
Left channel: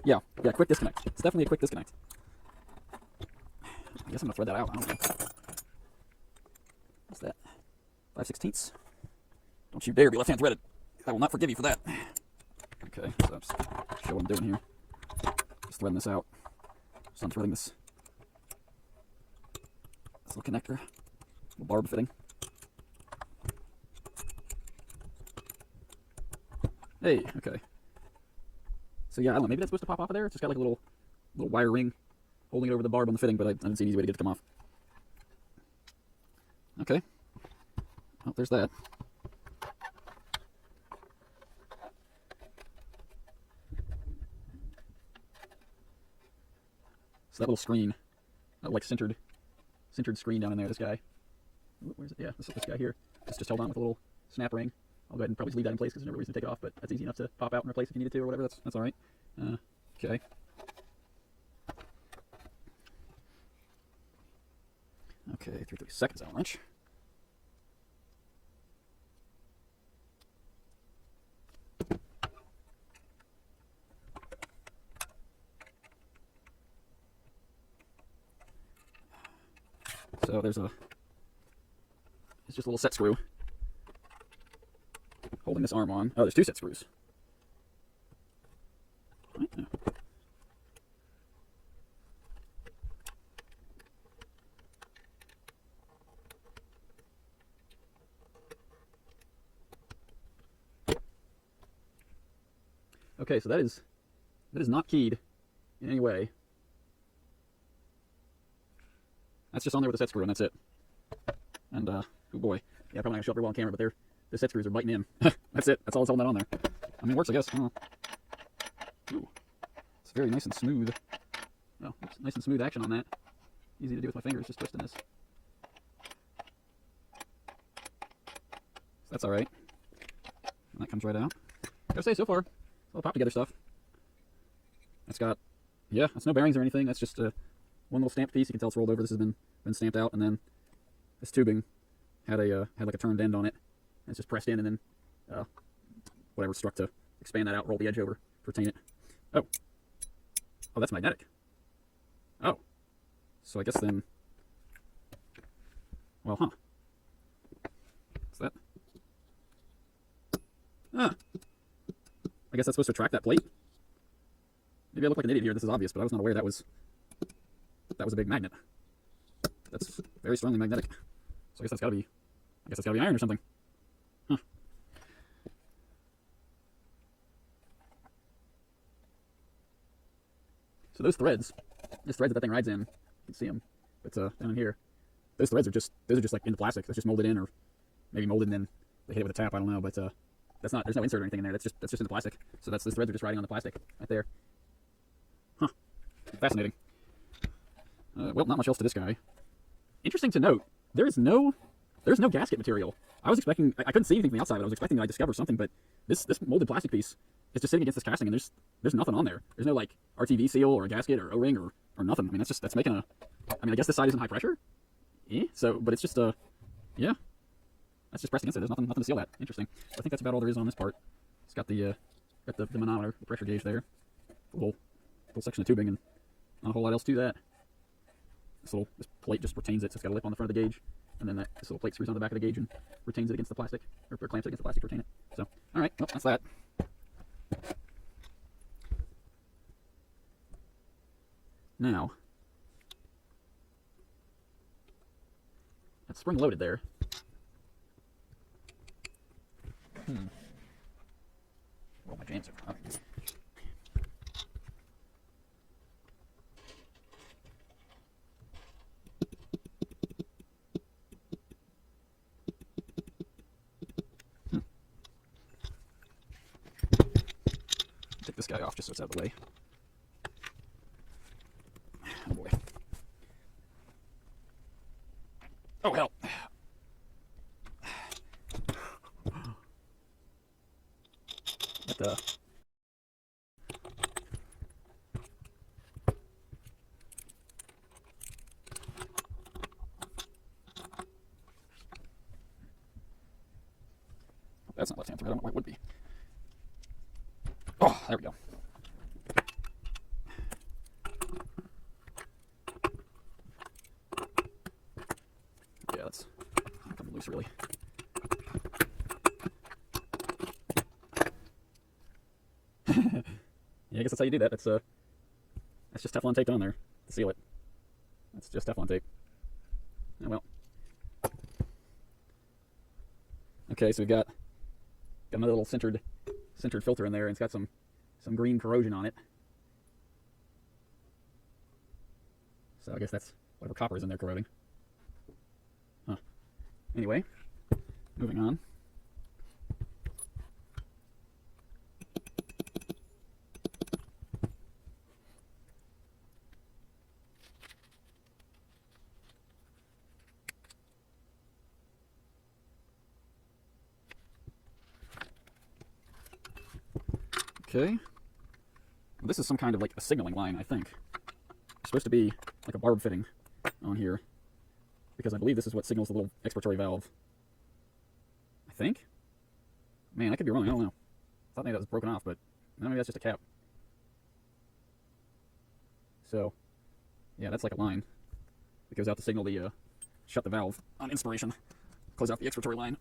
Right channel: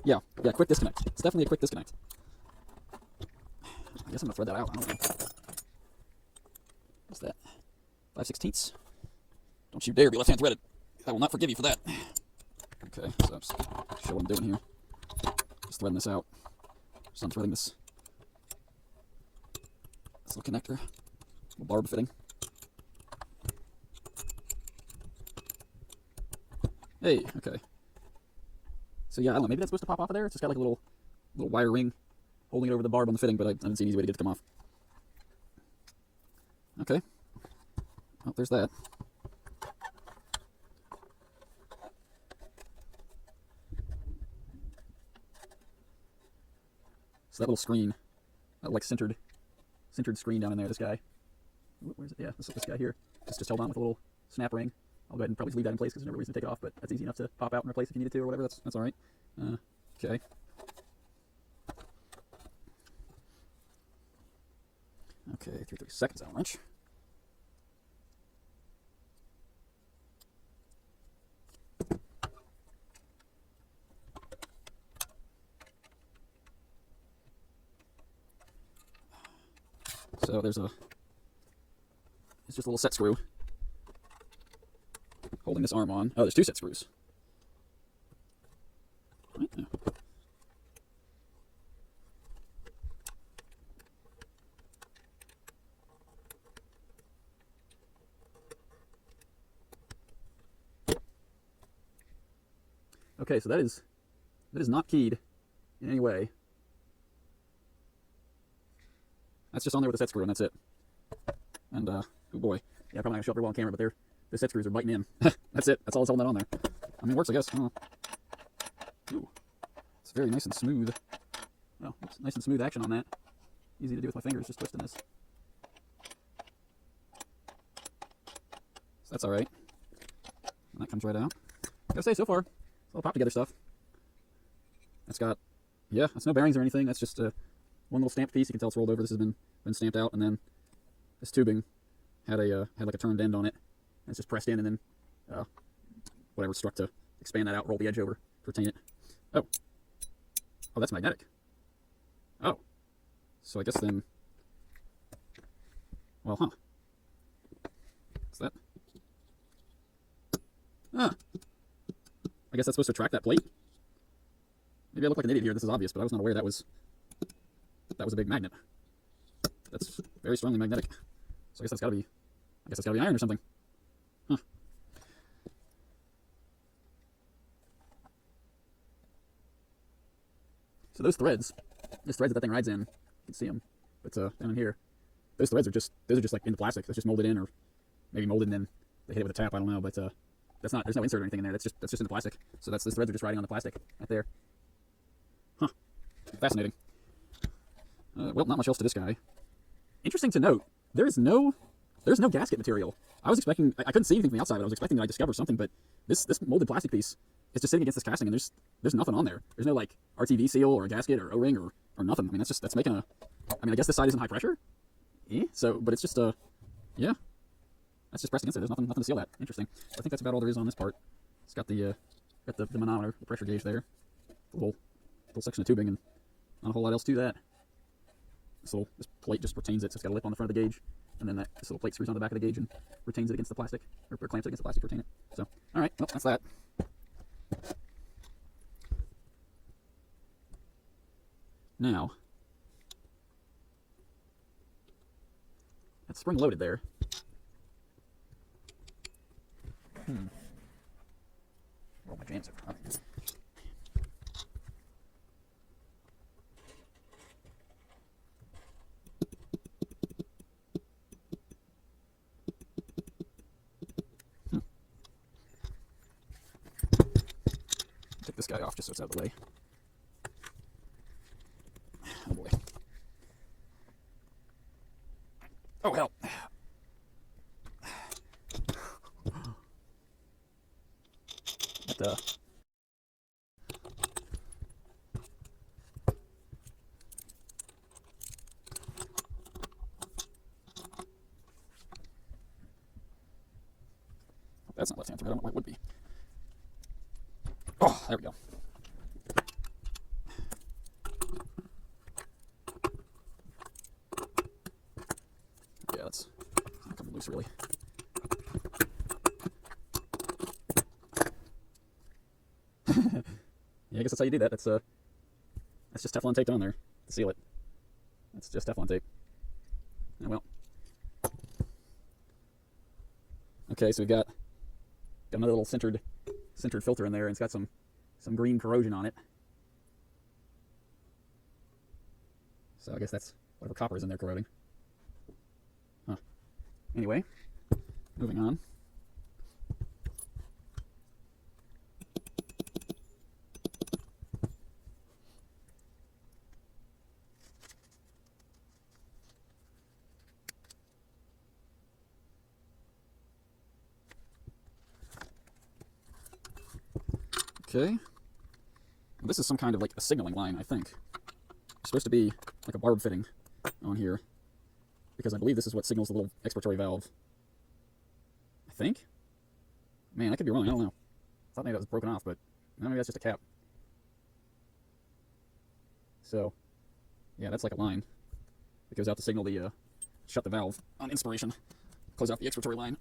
Yeah, quick disconnect. It's definitely a quick disconnect. I guess I'm gonna thread that out. I don't know. What's that? 5/16. Don't you dare be left-hand threaded. I will not forgive you for that. Okay, so I'm just show what I'm doing here. Just threading this out. Stop threading this little connector. Little barb fitting. Hey, okay. So yeah, I don't know, maybe that's supposed to pop off of there. It's just got like a little wire ring holding it over the barb on the fitting, but I didn't see an easy way to get it to come off. Okay. Oh, there's that. So that little screen, that like centered screen down in there, this guy. Oh, where is it? Yeah, this guy here. It's just held on with a little snap ring. I'll go ahead and probably leave that in place because there's no reason to take it off, but that's easy enough to pop out and replace if you need to or whatever. That's all right. Okay. Okay, 3 seconds on a wrench. So it's just a little set screw holding this arm on. Oh, there's 2 set screws. Right, yeah. Okay, so that is not keyed in any way. That's just on there with a set screw, and that's it. And oh boy, yeah, probably not gonna show up very well on camera, but the set screws are biting in. That's it. That's all that's holding that on there. I mean, it works, I guess. Ooh, it's very nice and smooth. nice and smooth action on that. Easy to do with my fingers, just twisting this. So that's alright. And that comes right out. I gotta say, so far, it's all pop together stuff. That's got, yeah, that's no bearings or anything. That's just one little stamp piece. You can tell it's rolled over. This has been stamped out, and then this tubing had like a turned end on it. And it's just pressed in, and then whatever struck to expand that out, roll the edge over, retain it. Oh, that's magnetic. Oh, so I guess then, well, huh? What's that? Ah, I guess that's supposed to attract that plate. Maybe I look like an idiot here. This is obvious, but I was not aware that was a big magnet. That's very strongly magnetic. So I guess that's gotta be, iron or something. Huh. So those threads that thing rides in, you can see them, but down in here, those threads are just like into plastic. That's just molded in, or maybe molded and then they hit it with a tap. I don't know, but that's not. There's no insert or anything in there. That's just in the plastic. So those threads are just riding on the plastic right there. Huh. Fascinating. Well, not much else to this guy. Interesting to note, there's no gasket material. I was expecting, I couldn't see anything from the outside, but I was expecting that I discover something, but this molded plastic piece is just sitting against this casting, and there's nothing on there. There's no like RTV seal or a gasket or O-ring or nothing. I mean, that's making a, I mean, I guess this side isn't high pressure. Yeah. So, but it's just yeah, that's just pressed against it. There's nothing to seal that. Interesting. So I think that's about all there is on this part. It's got the manometer, the pressure gauge there, the little section of tubing, and not a whole lot else to that. This plate just retains it, so it's got a lip on the front of the gauge, and then this little plate screws on the back of the gauge and retains it against the plastic, or clamps it against the plastic to retain it. So, alright, well, that's that. Now, that's spring loaded there. Oh, my jams are this guy off just so it's out of the way. Oh boy. Oh hell. But, that's not left-hand thread. I don't know why it would be. Oh, there we go. Yeah, that's coming loose, really. Yeah, I guess that's how you do that. That's just Teflon tape on there to seal it. That's just Teflon tape. Oh well. Okay, so we've got another little centered filter in there, and it's got some green corrosion on it. So I guess that's whatever copper is in there corroding. Huh. Anyway, moving on. Okay. This is some kind of like a signaling line, I think. It's supposed to be like a barb fitting on here, because I believe this is what signals the little expiratory valve. I think? Man, I could be wrong, I don't know. I thought maybe that was broken off, but maybe that's just a cap. So, yeah, that's like a line that goes out to signal the, shut the valve on inspiration, close out the expiratory line.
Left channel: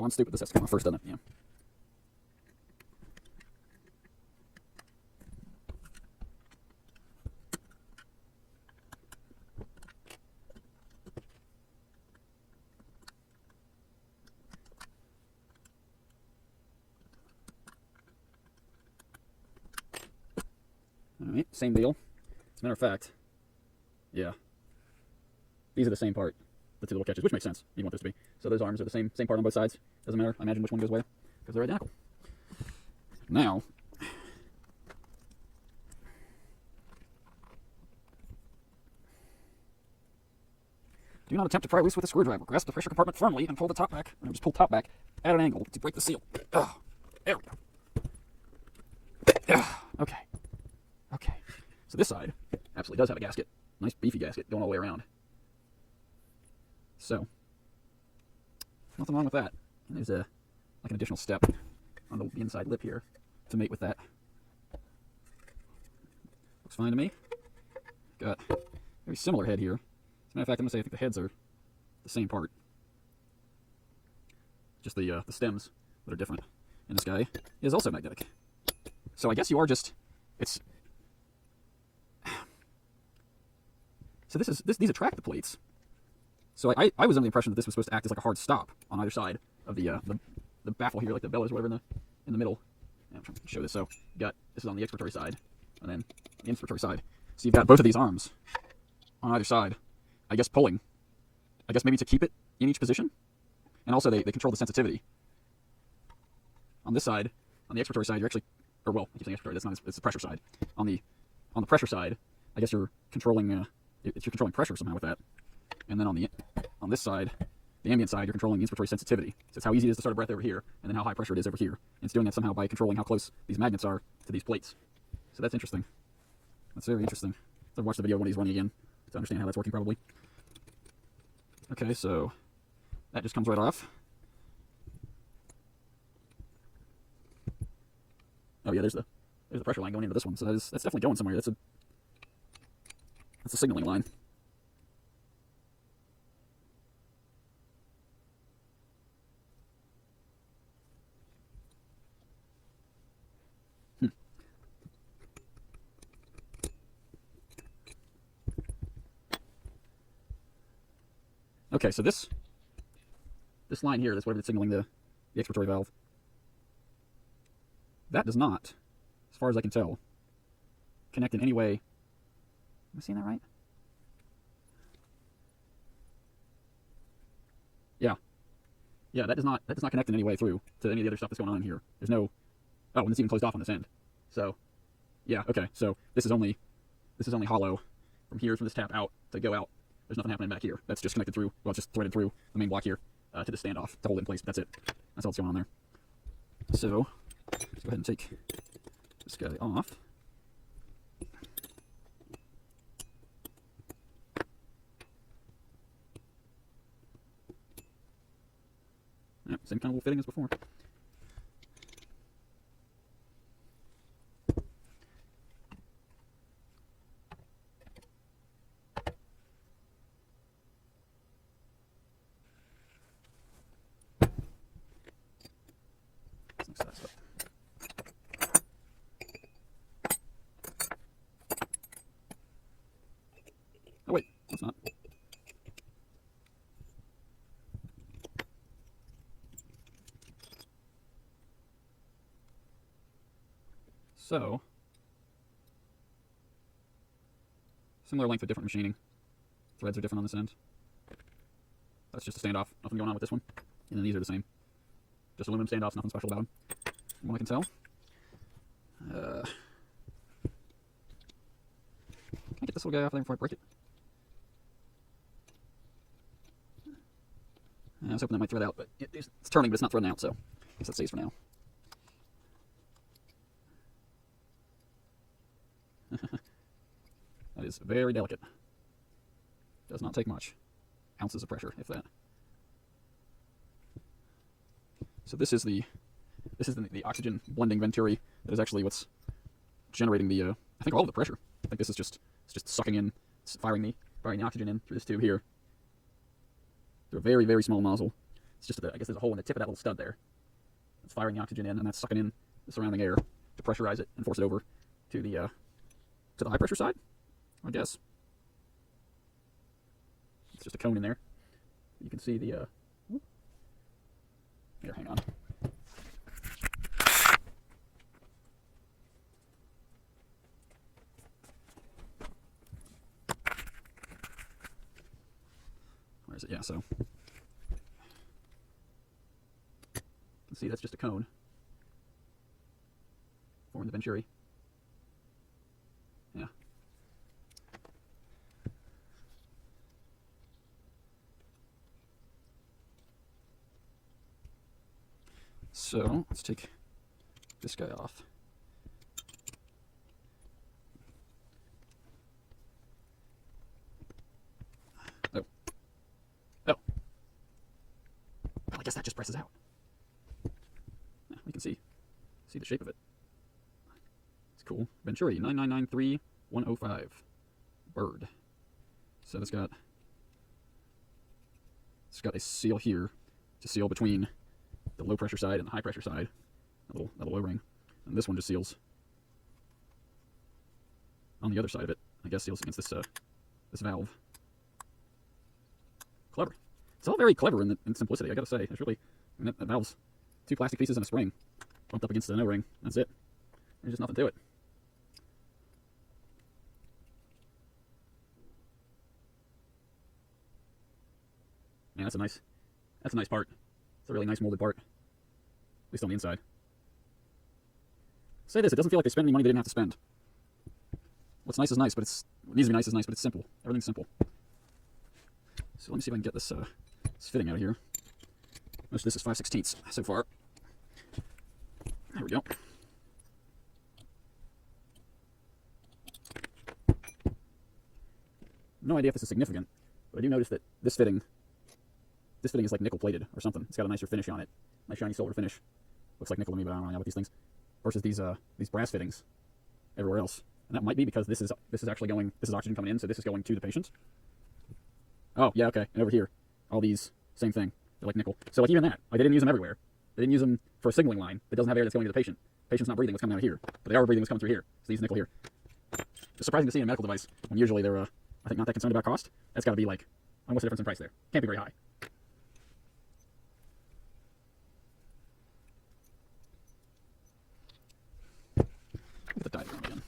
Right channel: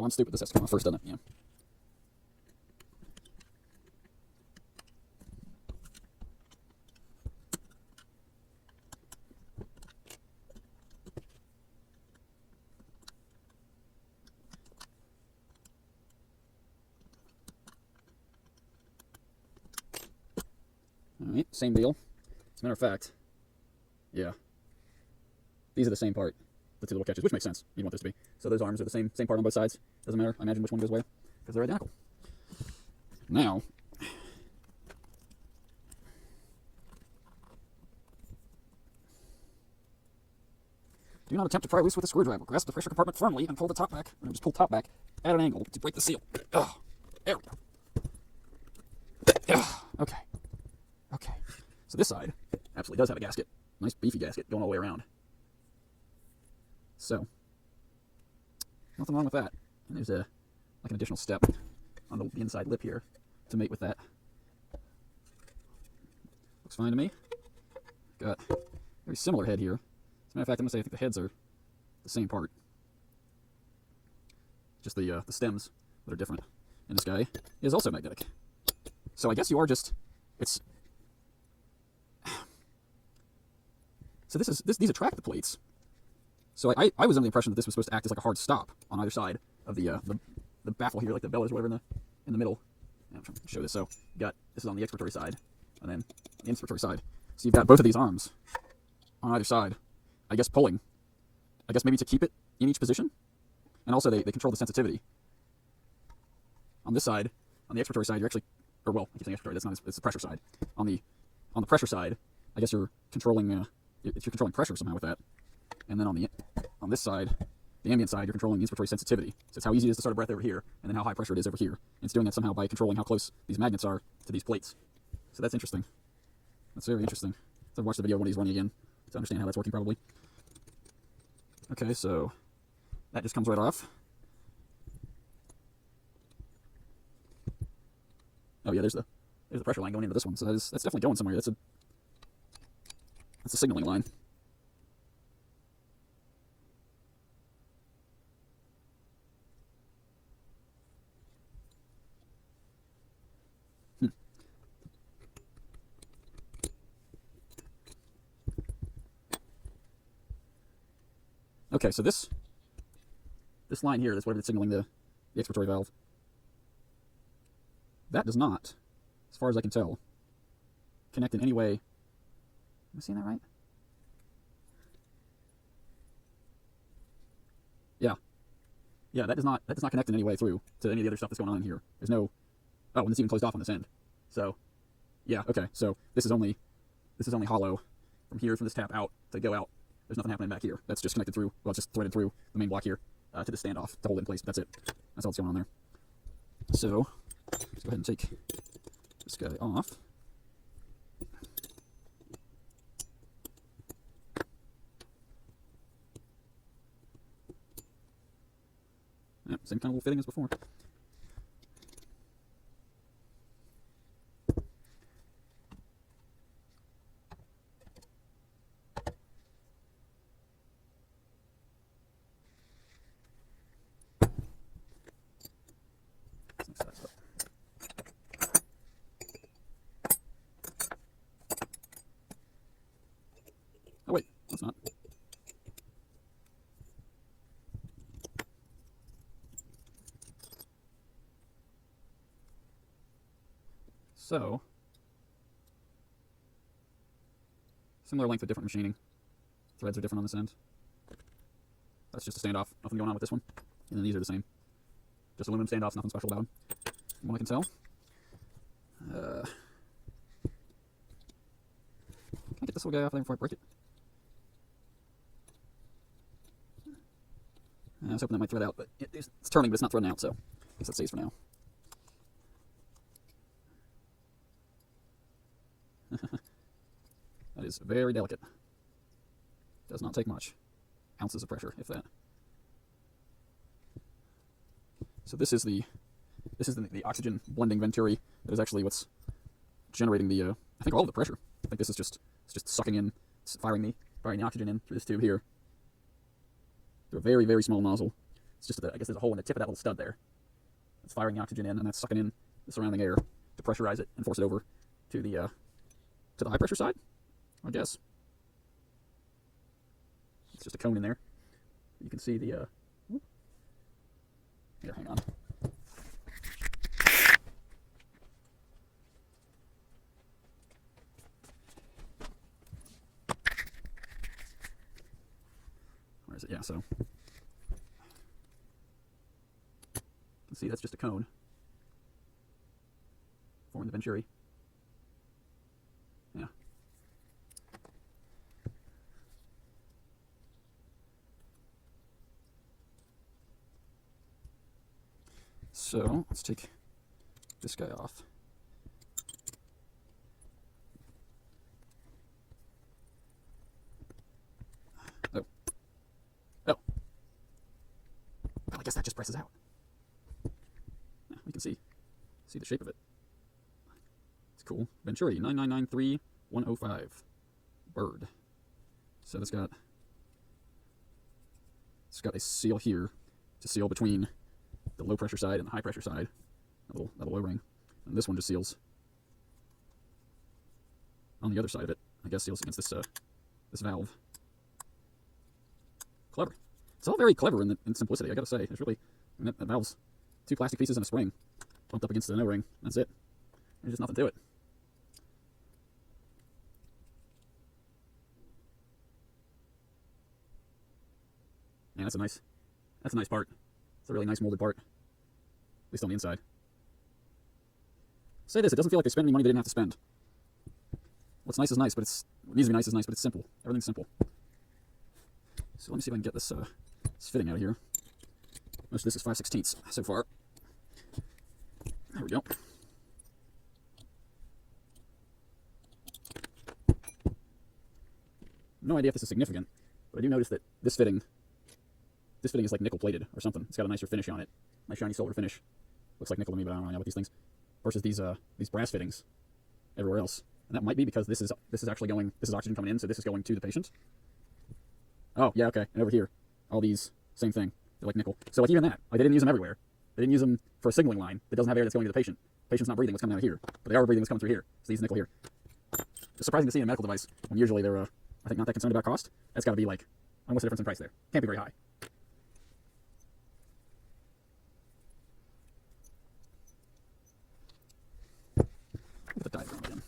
Oh, I'm stupid. This has to come off first on it, yeah. Alright, same deal. As a matter of fact, yeah. These are the same part, the two little catches, which makes sense. You want this to be. So those arms are the same part on both sides. Doesn't matter. I imagine which one goes where. because they're identical. Now, do not attempt to pry loose with a screwdriver. Grasp the pressure compartment firmly and pull the top back, or just pull the top back at an angle to break the seal. There we go. Okay. Okay. So this side absolutely does have a gasket. Nice beefy gasket going all the way around. So, nothing wrong with that. And there's like an additional step on the inside lip here to mate with that. Looks fine to me. Got a very similar head here. As a matter of fact, I'm going to say I think the heads are the same part. Just the stems that are different. And this guy is also magnetic. So I guess you are just, it's, so these attract the pleats. So I was under the impression that this was supposed to act as like a hard stop on either side of the baffle here, like the bellows, whatever, in the middle. I'm trying to show this. So you got this is on the expiratory side, and then the inspiratory side. So you've got both of these arms on either side. I guess pulling. I guess maybe to keep it in each position, and also they control the sensitivity. On this side, on the expiratory side, you're actually, or well, I keep saying expiratory. That's not. It's the pressure side. On the pressure side, I guess you're controlling pressure somehow with that. And then on this side, the ambient side, you're controlling the inspiratory sensitivity. So it's how easy it is to start a breath over here, and then how high pressure it is over here. And it's doing that somehow by controlling how close these magnets are to these plates. So that's interesting. That's very interesting. So I've watched the video when he's running again to understand how that's working probably. Okay, so that just comes right off. Oh yeah, there's the pressure line going into this one. So that's definitely going somewhere. That's a signaling line. Okay, so this line here, that's whatever that's signaling the expiratory valve. That does not, as far as I can tell, connect in any way. Am I seeing that right? Yeah. Yeah, that does not connect in any way through to any of the other stuff that's going on here. There's no, oh, and it's even closed off on this end. So, yeah, okay, so this is only hollow from here, from this tap out to go out. There's nothing happening back here. That's just connected through, well, it's just threaded through the main block here to the standoff to hold it in place. That's it. That's all that's going on there. So, let's go ahead and take this guy off. Yep, same kind of little fitting as before. Oh wait, that's not. So, similar length of different machining. Threads are different on this end. That's just a standoff. Nothing going on with this one. And then these are the same. Just aluminum standoffs, nothing special about them. From what I can tell. Can I get this little guy off there before I break it? I was hoping that might thread out, but it's turning, but it's not threading out, so I guess that stays for now. That is very delicate. Does not take much. Ounces of pressure, if that. So this is the oxygen blending venturi that is actually what's generating the I think all of the pressure. I think this is just sucking in, firing the oxygen in through this tube here. Through a very, very small nozzle. It's just I guess there's a hole in the tip of that little stud there. It's firing the oxygen in, and that's sucking in the surrounding air to pressurize it and force it over to the high pressure side, I guess. It's just a cone in there. You can see the here, hang on. Where is it? Yeah, so see, that's just a cone. Or in the venturi. Yeah. So let's take this guy off. Oh. Oh. Well, I guess that just presses out. Yeah, you can see the shape of it. It's cool. Venturi 9993105. Bird. So it's got a seal here to seal between the low pressure side and the high pressure side. A little O-ring. And this one just seals on the other side of it. I guess seals against this valve. Clever. It's not very clever in simplicity, I gotta say. It's really the valve's 2 plastic pieces and a spring bumped up against the O-ring. That's it. There's just nothing to it. Man, that's a nice part. It's a really nice molded part. At least on the inside. Say this, it doesn't feel like they're spending money they didn't have to spend. What's nice is nice, but it needs to be nice is nice, but it's simple. Everything's simple. So let me see if I can get this fitting out of here. Most of this is 5/16 so far. There we go. No idea if this is significant, but I do notice that this fitting is like nickel plated or something. It's got a nicer finish on it. Nice shiny silver finish. Looks like nickel to me, but I don't really know what these things. Versus these brass fittings everywhere else. And that might be because this is actually going, this is oxygen coming in, so this is going to the patient. Oh, yeah, okay. And over here, all these, same thing. They're like nickel. So like even that, like they didn't use them everywhere. They didn't use them for a signaling line that doesn't have air that's going to the patient. The patient's not breathing what's coming out here. But they are breathing what's coming through here. So these nickel here. It's surprising to see in a medical device when usually they're, I think, not that concerned about cost. That's got to be like, what's the difference in price there? Can't be very high. The diagram again.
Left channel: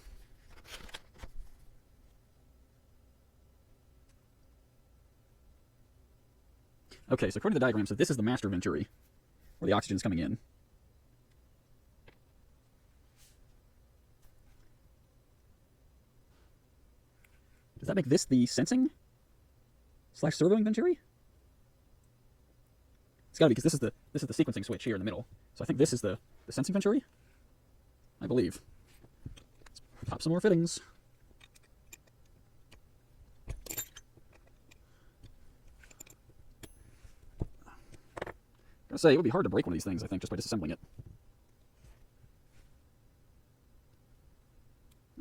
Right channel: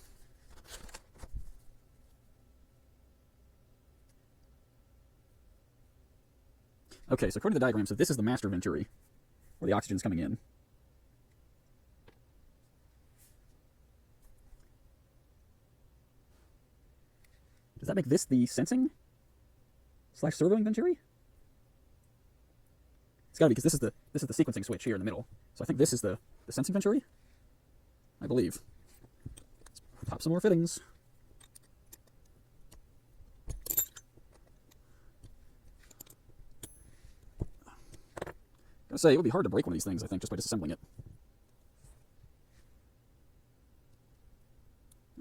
Okay, so according to the diagram, so this is the master venturi, where the oxygen is coming in. Does that make this the sensing / servoing venturi? It's got to be, because this is the sequencing switch here in the middle. So I think this is the sensing venturi, I believe. Let's pop some more fittings. I gotta say, it would be hard to break one of these things, I think, just by disassembling it.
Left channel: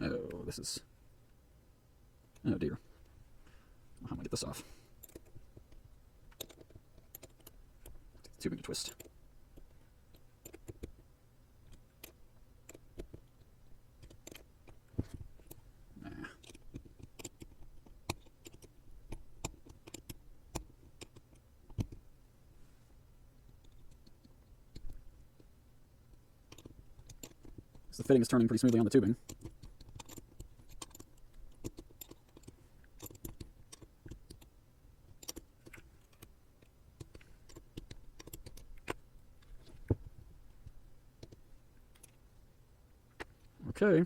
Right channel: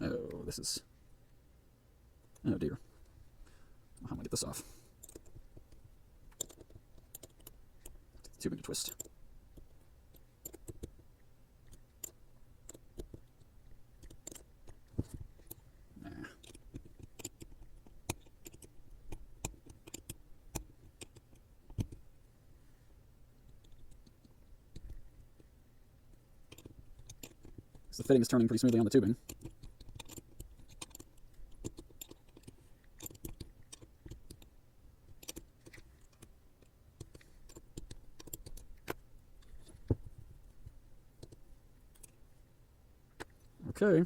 Oh, this is... Oh dear. How am I get this off? It's too big a twist. The fitting is turning pretty smoothly on the tubing. Okay.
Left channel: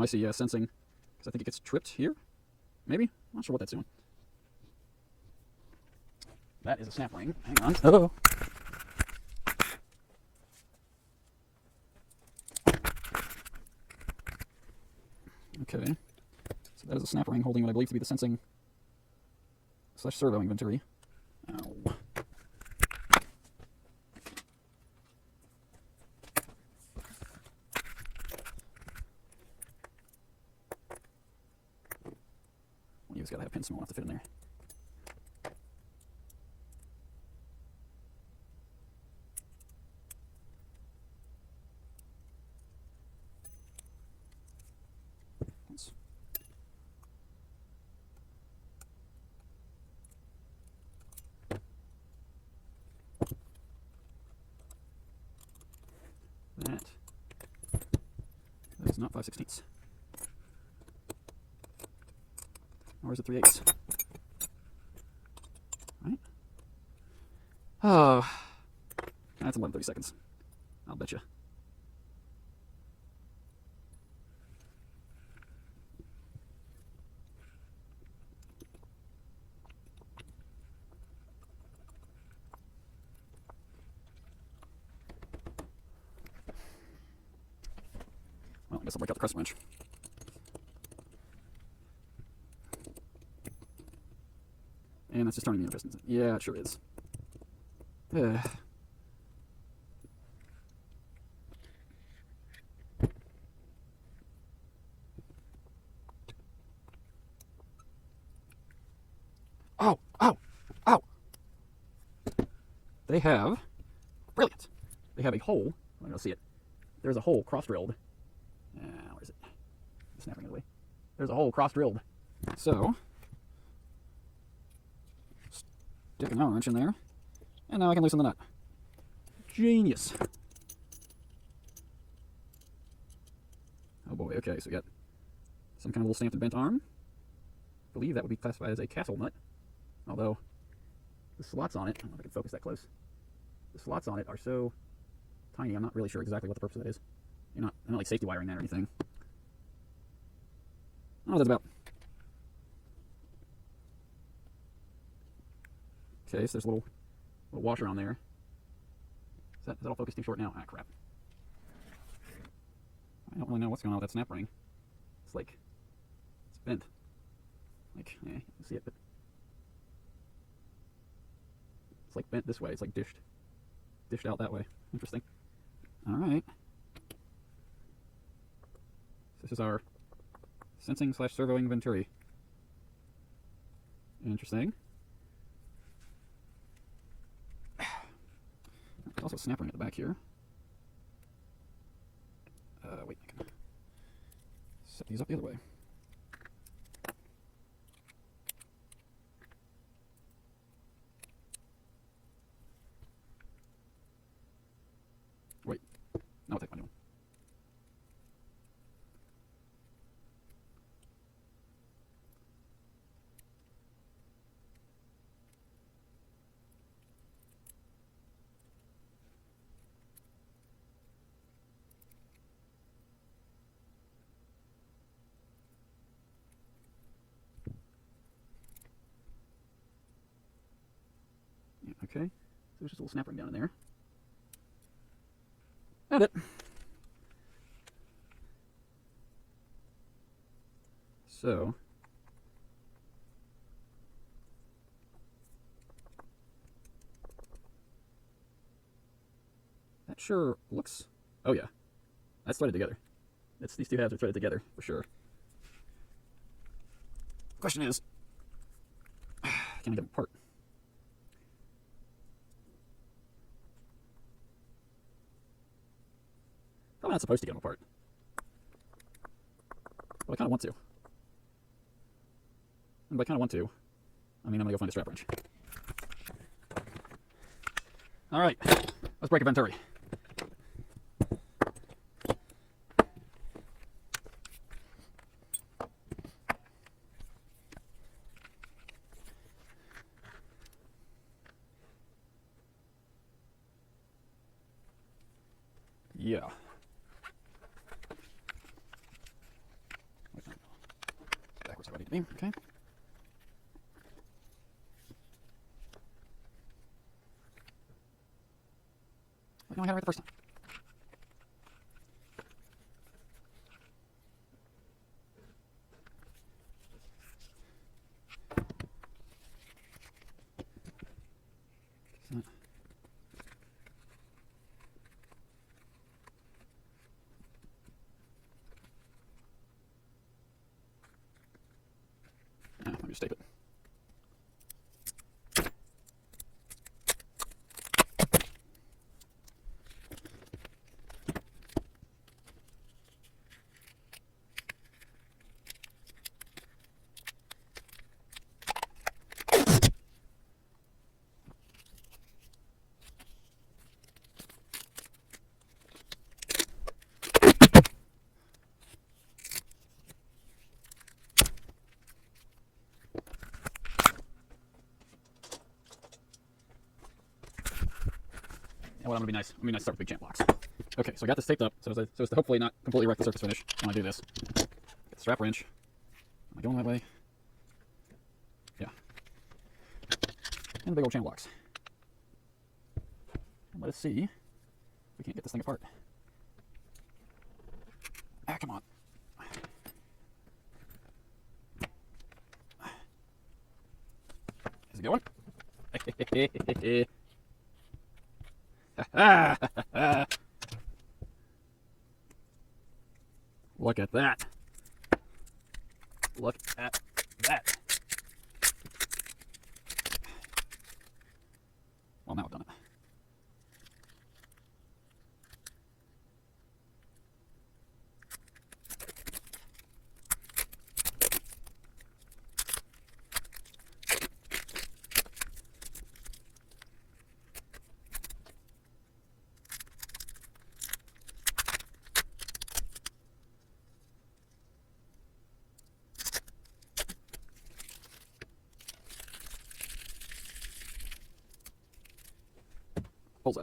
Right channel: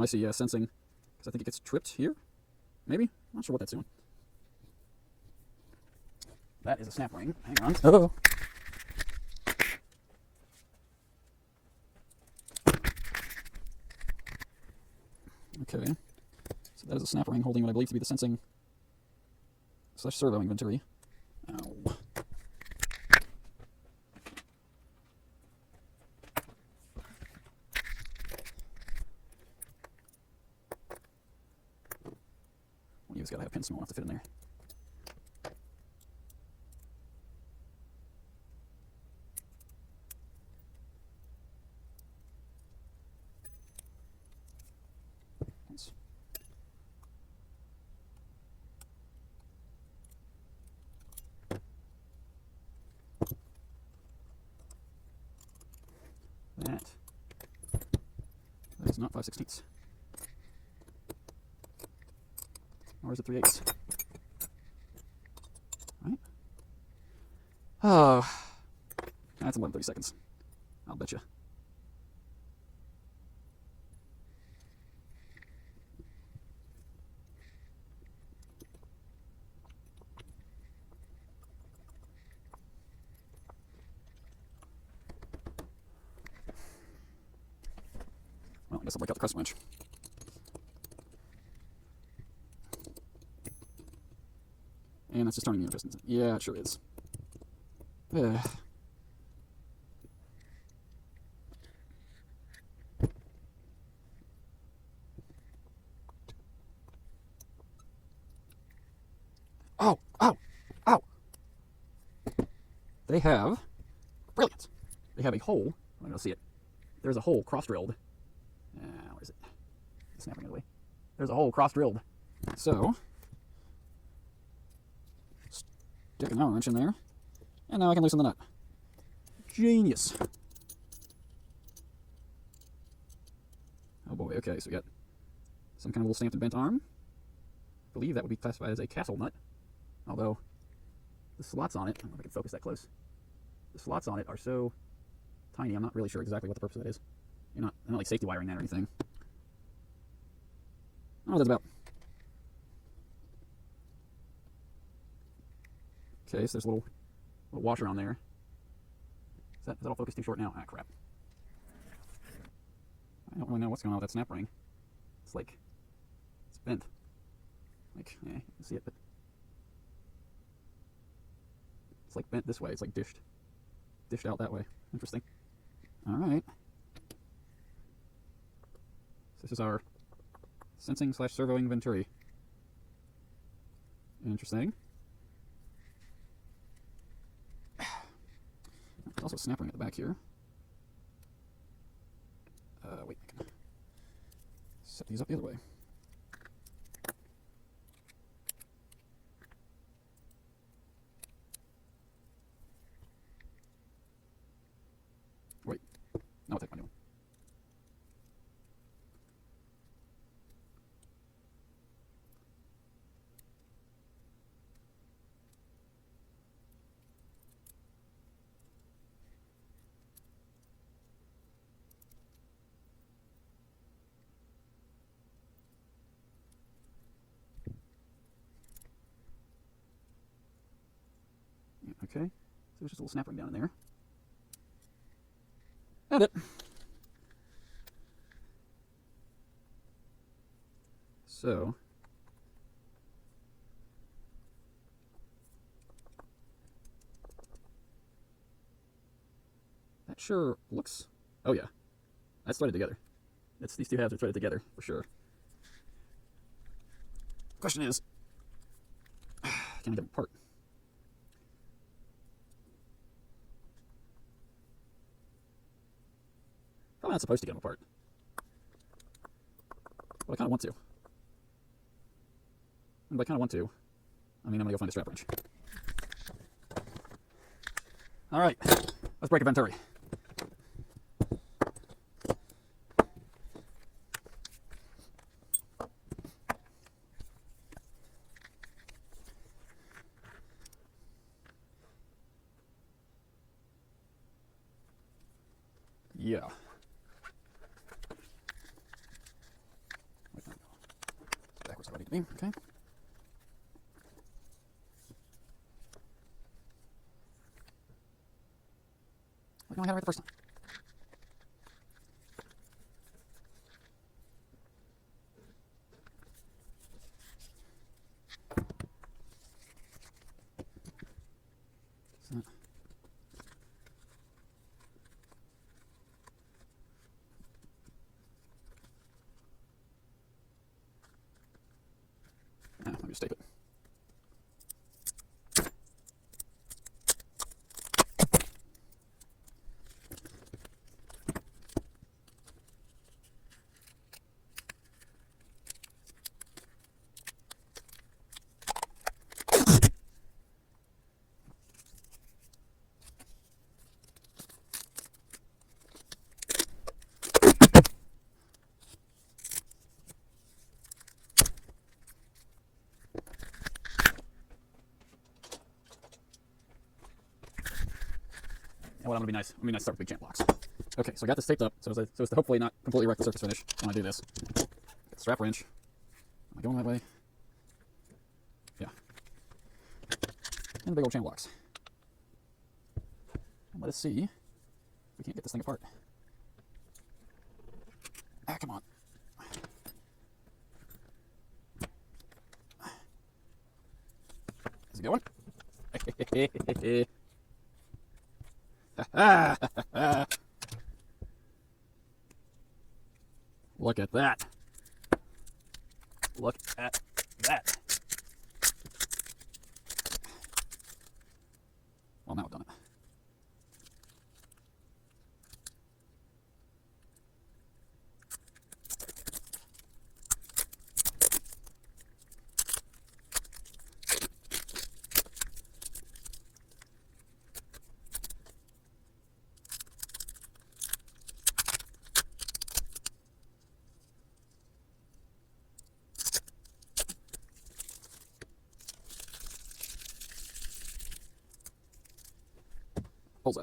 Oh, I see, yeah, sensing. Because I think it gets tripped here. Maybe? I'm not sure what that's doing. That is a snap ring. Hang on. Oh! Okay. So that is a snap ring holding what I believe to be the sensing / servoing venturi. Ow. it's got to have a pin small enough to fit in there. That is not 5/16. Nor is it 3/8. Right? Ah, that's more than 30 seconds. I'll bet you. Well, I guess I'll break out the crescent wrench. And that's just turning the interest. Yeah, it sure is. Yeah. Oh, ow, ow. They have, brilliant. They have a hole. I'm going to see it. There's a hole cross-drilled. Where is it? It's snapping away. There's a hole cross-drilled. So, stick an Allen wrench in there, and now I can loosen the nut. Genius. Oh boy, okay, so we got some kind of little stamped and bent arm. I believe that would be classified as a castle nut, although the slots on it, I don't know if I can focus that close. The slots on it are so tiny, I'm not really sure exactly what the purpose of that is. You're not like safety wiring that or anything. Oh, that's about. Okay, so there's a little washer on there. Is that all focused too short now? Ah, crap. I don't really know what's going on with that snap ring. It's like, it's bent. Like, yeah, you can see it, but it's like bent this way. It's like dished out that way. Interesting. All right. This is our sensing / servoing venturi. Interesting. There's also a snap ring at the back here. Wait, I can set these up the other way. Wait, no, I'll take my new one. Okay, so there's just a little snap ring down in there. Found it. So, that sure looks, oh yeah, that's threaded together. These two halves are threaded together, for sure. The question is, can I get them apart? I'm not supposed to get them apart. But I kind of want to. And if I kind of want to, I mean, I'm going to go find a strap wrench. All right, let's break a venturi. Yeah. Backwards how I need to be, okay. I don't have it the first time. Let me just stay Well, I'm gonna be nice. I'm gonna start with big champ blocks. Okay, so we got this taped up, so as to hopefully not completely wreck the surface finish. I'm gonna do this. Get the strap wrench. I'm going that way. Yeah. And big old chain blocks. And let us see if we can't get this thing apart. Ah, come on. Is it going? Look at that. Look at that. Well, now I've done it. Bullseye.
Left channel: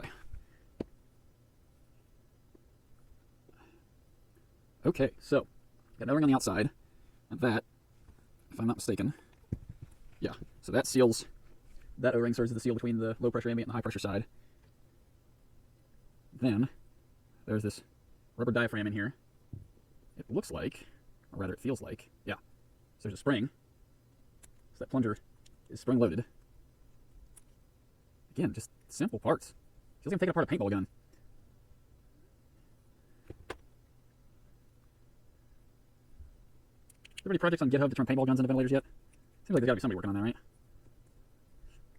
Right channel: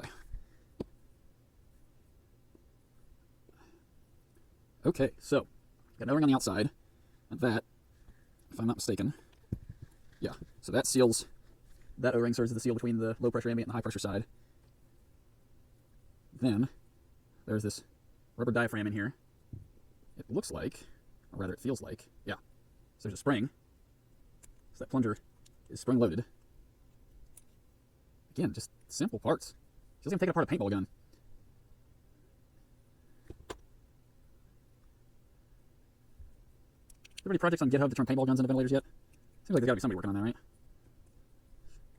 Okay, so got an O-ring on the outside, and that, if I'm not mistaken, yeah, so that seals, that O-ring serves as the seal between the low pressure ambient and the high pressure side. Then there's this rubber diaphragm in here. It looks like, or rather it feels like, yeah, so there's a spring. So that plunger is spring loaded. Again, just simple parts. Just even taking apart a paintball gun. Have any projects on GitHub that turn paintball guns into ventilators yet? Seems like there's got to be somebody working on that, right?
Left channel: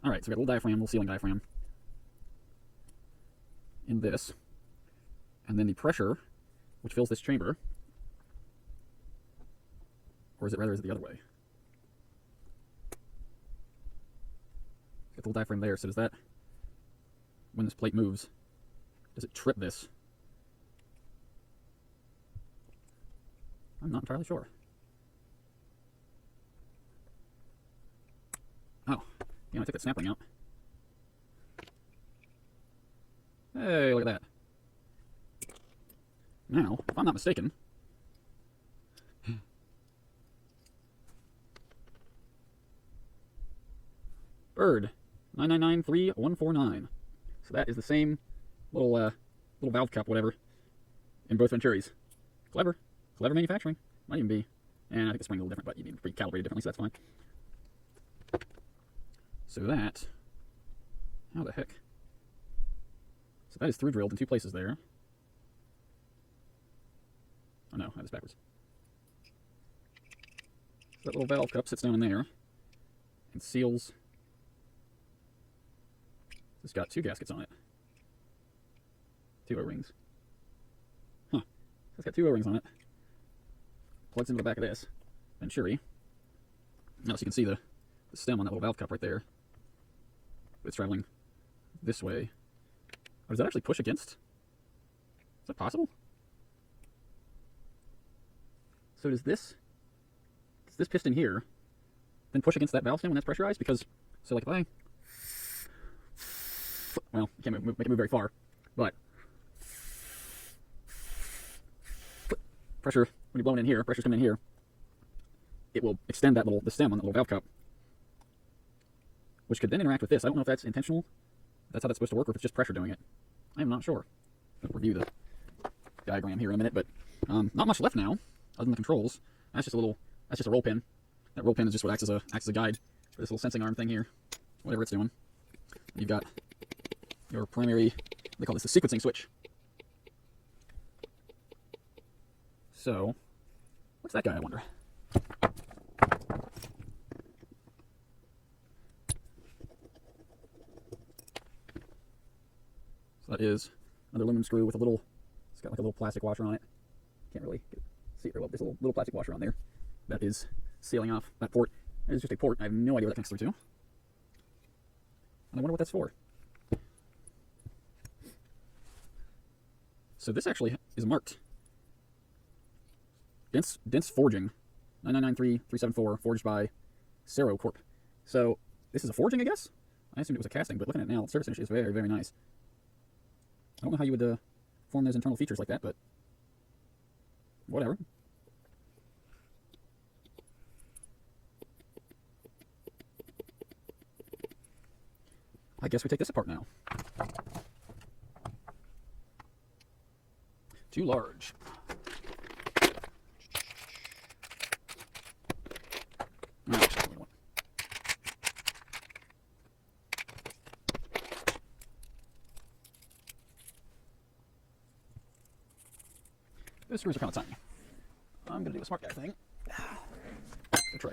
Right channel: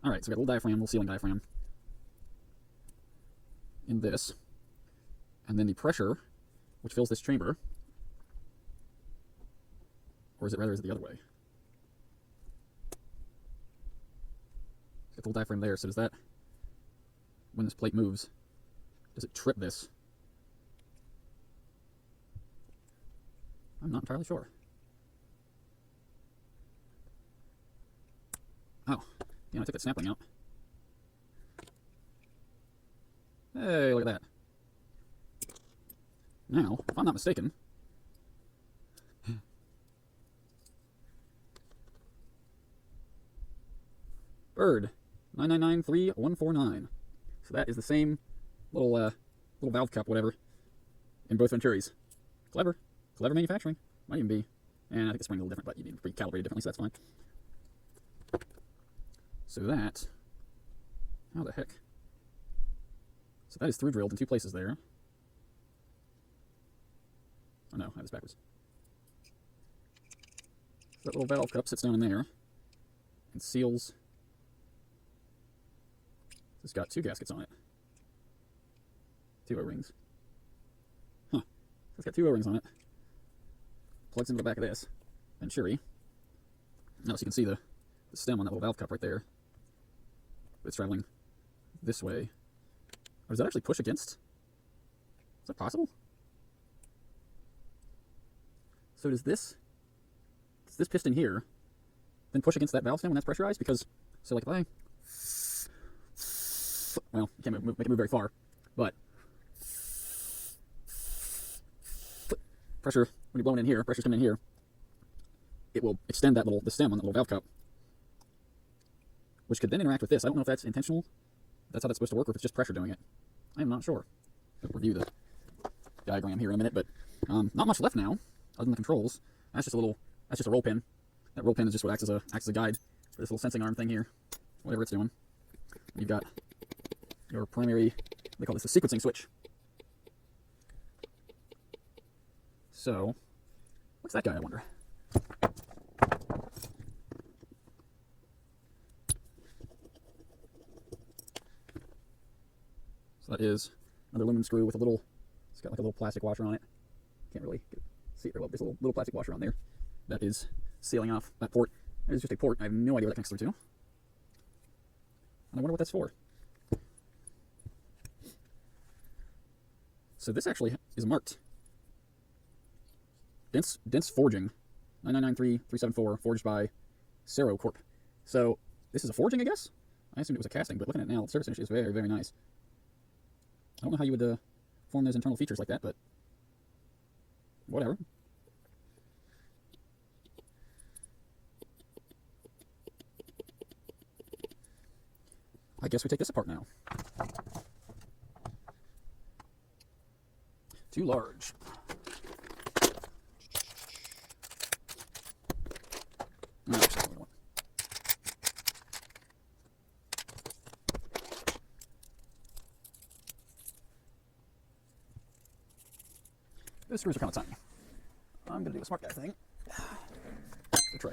Alright, so we got a little diaphragm, little sealing diaphragm in this. And then the pressure, which fills this chamber. Or is it rather, is it the other way? Got the little diaphragm there, so does that, when this plate moves, does it trip this? I'm not entirely sure. Oh, I'm gonna take that sapling out. Hey, look at that. Now, if I'm not mistaken, bird 9993149. So that is the same little valve cup, whatever, in both Venturis. Clever manufacturing. Might even be. And I think the spring's a little different, but you'd be recalibrated differently, so that's fine. So that, how the heck? So that is through drilled in two places there. Oh no, that was backwards. So that little valve cup sits down in there and seals. It's got two gaskets on it. Two O-rings. Huh. It's got two O-rings on it. Plugs into the back of this Venturi. Now, so you can see the stem on that little valve cup right there. It's traveling this way. Or does that actually push against? Is that possible? So does this piston here then push against that valve stem when that's pressurized? Because, so like if I, well, you can't make it move very far, but pressure, when you're blowing in here, pressure's coming in here, it will extend the stem on that little valve cup, which could then interact with this. I don't know if that's intentional, that's how that's supposed to work, or if it's just pressure doing it. I am not sure. We'll review the diagram here in a minute, but not much left now, other than the controls. That's just a roll pin. That roll pin is just what acts as a guide for this little sensing arm thing here, whatever it's doing. You've got your primary, they call this the sequencing switch. So, what's that guy, I wonder? So that is another aluminum screw with a little, it's got like a little plastic washer on it. Can't really see it real well. There's a little plastic washer on there that is sealing off that port. And it's just a port. I have no idea what that connects through to. And I wonder what that's for. So this actually is marked. Dense Forging, 9993374, forged by Cero Corp. So this is a forging, I guess? I assumed it was a casting, but looking at it now, the surface finish is very, very nice. I don't know how you would form those internal features like that, but whatever. I guess we take this apart now. Too large. No, just the one. Those screws are kind of tiny. I'm going to do a smart guy thing. Go try.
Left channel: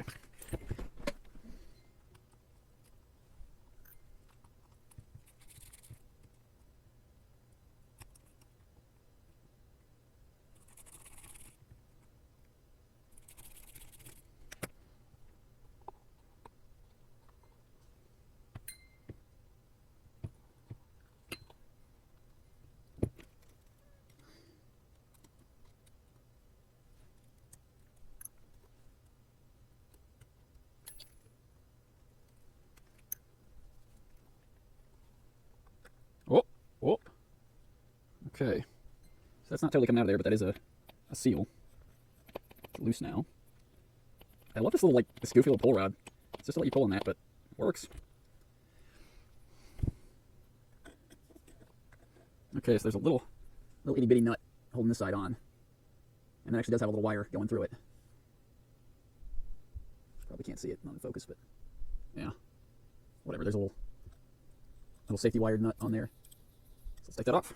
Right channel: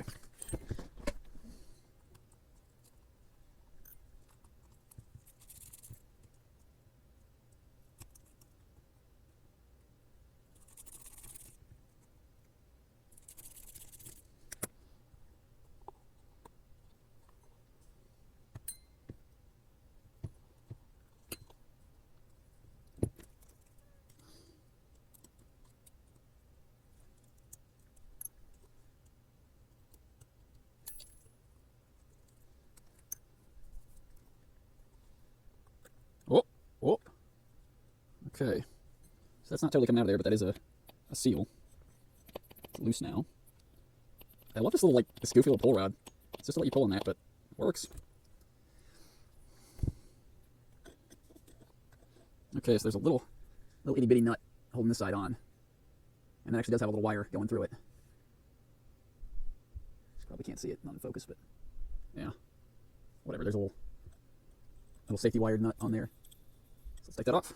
Whoop, whoop. Okay. So that's not totally coming out of there, but that is a seal. It's loose now. I love this little, like, this goofy little pull rod. It's just to let you pull on that, but it works. Okay, so there's a little itty bitty nut holding this side on. And it actually does have a little wire going through it. Probably can't see it on the focus, but yeah. Whatever, there's a little safety wired nut on there. So let's take that off.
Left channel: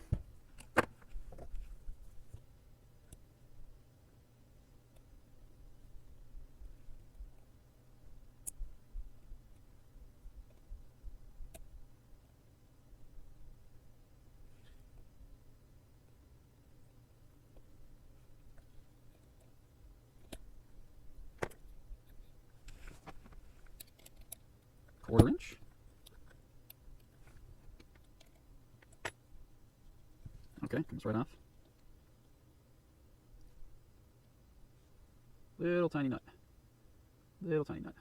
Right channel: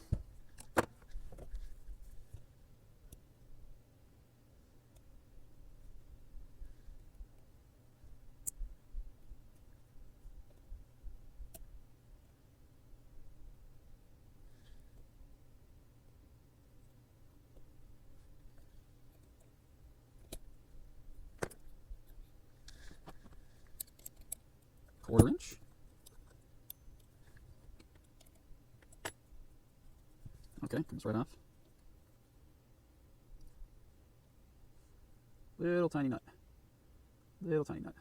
Quarter inch. Okay, comes right off. Little tiny nut. Little tiny nut.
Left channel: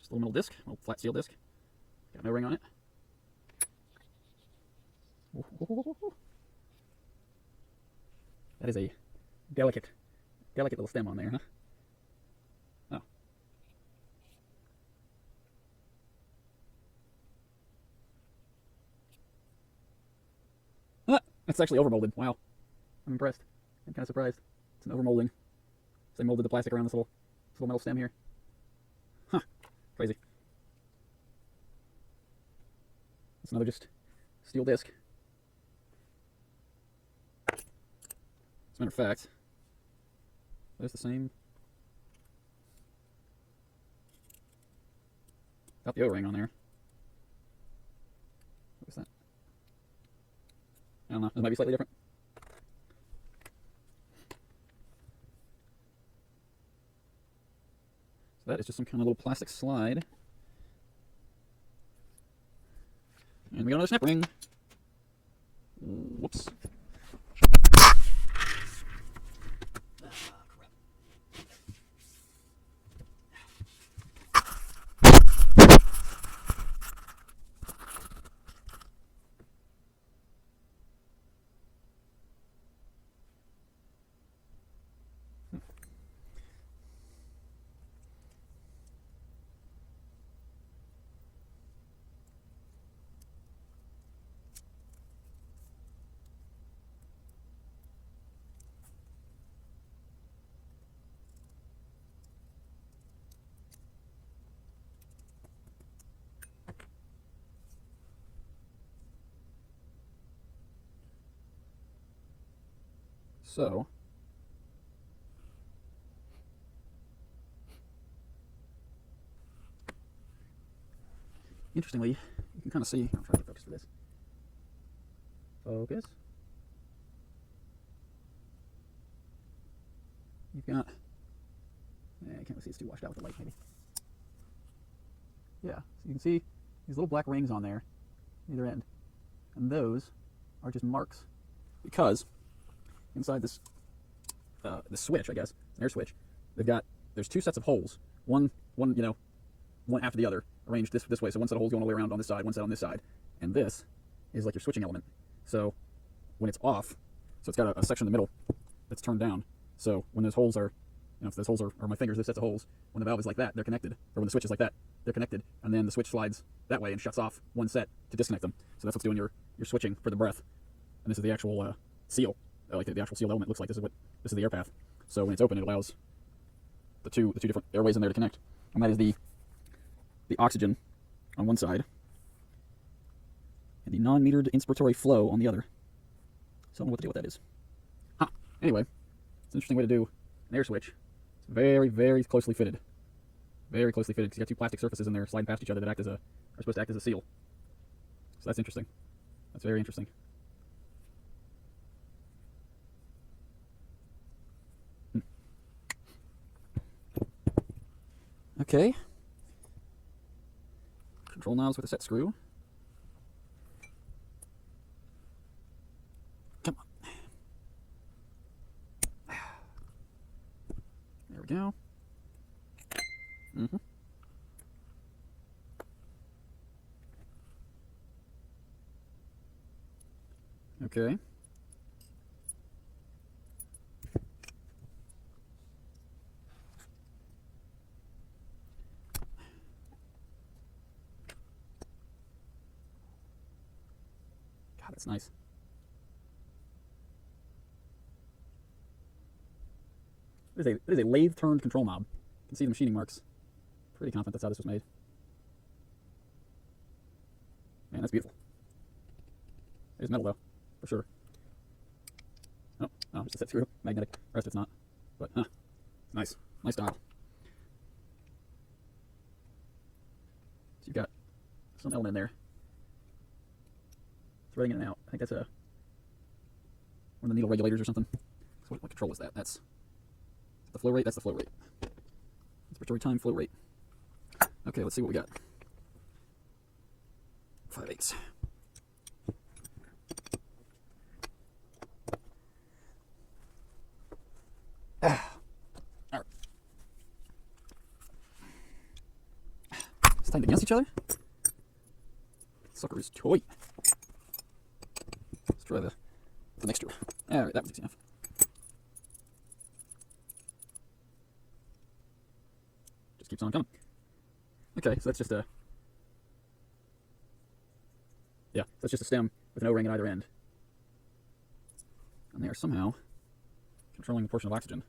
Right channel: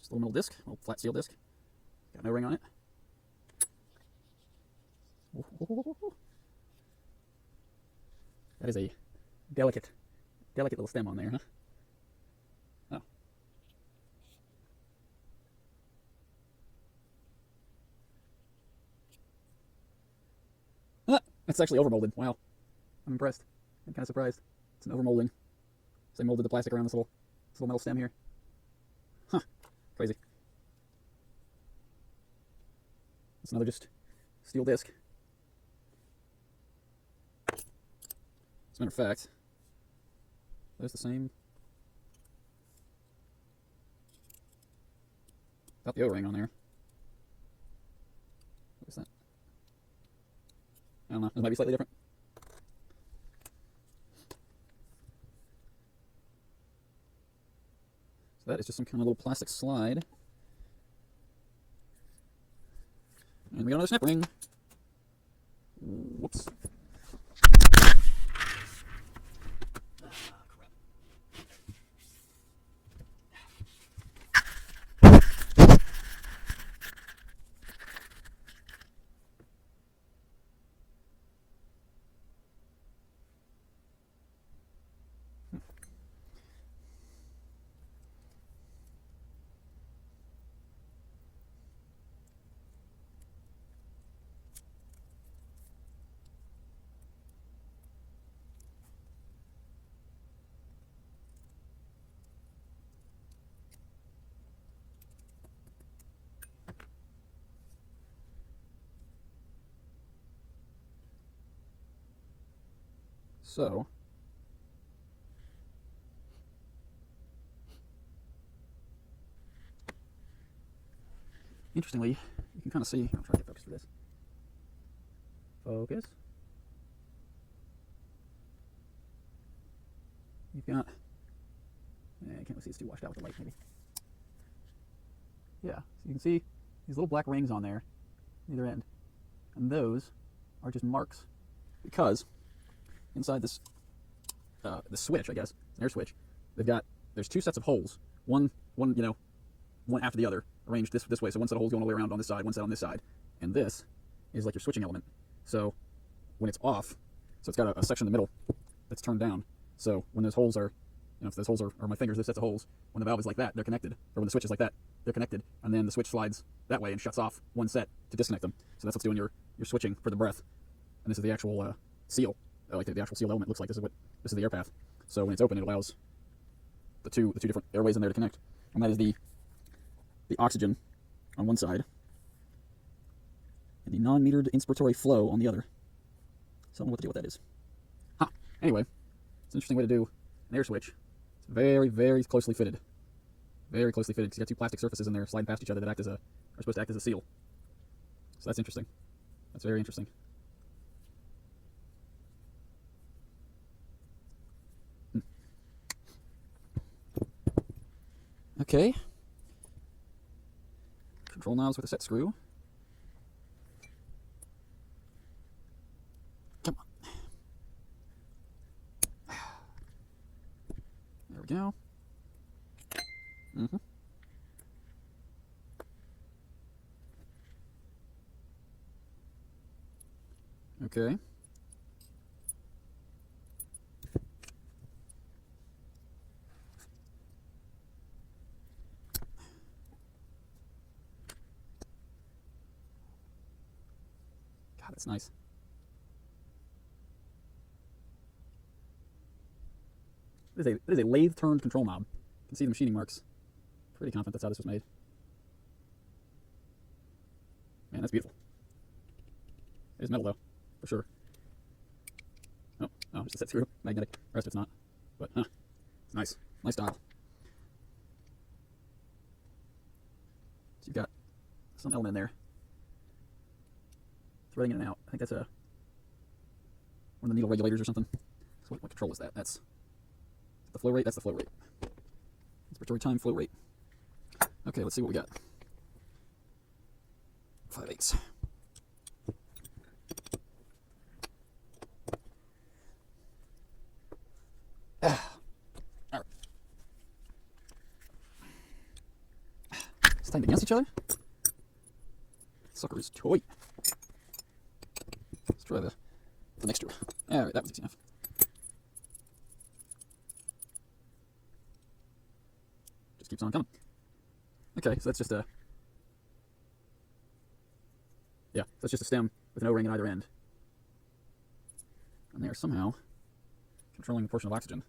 Just a little middle disc, a little flat steel disc. Got no ring on it. That is a delicate little stem on there, huh? That's actually overmolded. Wow. I'm impressed. I'm kind of surprised. It's an overmolding. So they molded the plastic around this little metal stem here. Huh. Crazy. That's another just steel disc. As a matter of fact, that's the same. Got the O-ring on there. What is that? I don't know. This might be slightly different. So that is just some kind of little plastic slide. And we got another snap ring. Whoops. So, interestingly, you can kind of see, I'll try to focus on this. Focus. You've got, you can't really see, it's too washed out with the light maybe. Yeah, so you can see these little black rings on there, either end. And those are just marks. Because inside this switch, I guess, air switch, there's two sets of holes. One, one after the other, arranged this way. So one set of holes going all the way around on this side, one set on this side. And this is like your switching element. So when it's off, so it's got a section in the middle that's turned down. So when those holes are, if those holes are my fingers, those sets of holes, when the valve is like that, they're connected. Or when the switch is like that, they're connected. And then the switch slides that way and shuts off one set to disconnect them. So that's what's doing your switching for the breath. And this is the actual seal. Like the actual seal element looks like. This is the air path. So when it's open, it allows the two different airways in there to connect. And that is the oxygen on one side and the non-metered inspiratory flow on the other. So I don't know what to do with that is. Anyway, it's an interesting way to do an air switch. It's very, very closely fitted. Very closely fitted because you got two plastic surfaces in there sliding past each other that are supposed to act as a seal. So that's interesting. That's very interesting. Okay. Control knobs with a set screw. Come on. There we go. Okay. God, that's nice. It is a lathe turned control knob. You can see the machining marks. Pretty confident that's how this was made. Man, that's beautiful. It's metal though, for sure. Oh, just a set screw, magnetic. The rest of it's not. But it's nice. Nice dial. So you've got some element in there. Threading in and out. I think that's one of the needle regulators or something. So what control is that? That's the flow rate. That's the flow rate. Expiratory time, flow rate. Okay, let's see what we got. 5/8. Stand against each other. Sucker is toy. Let's try the mixture. Oh, wait, that was easy enough. Just keeps on coming. Okay, so that's just that's just a stem with an O-ring at either end. And they're somehow controlling the portion of oxygen.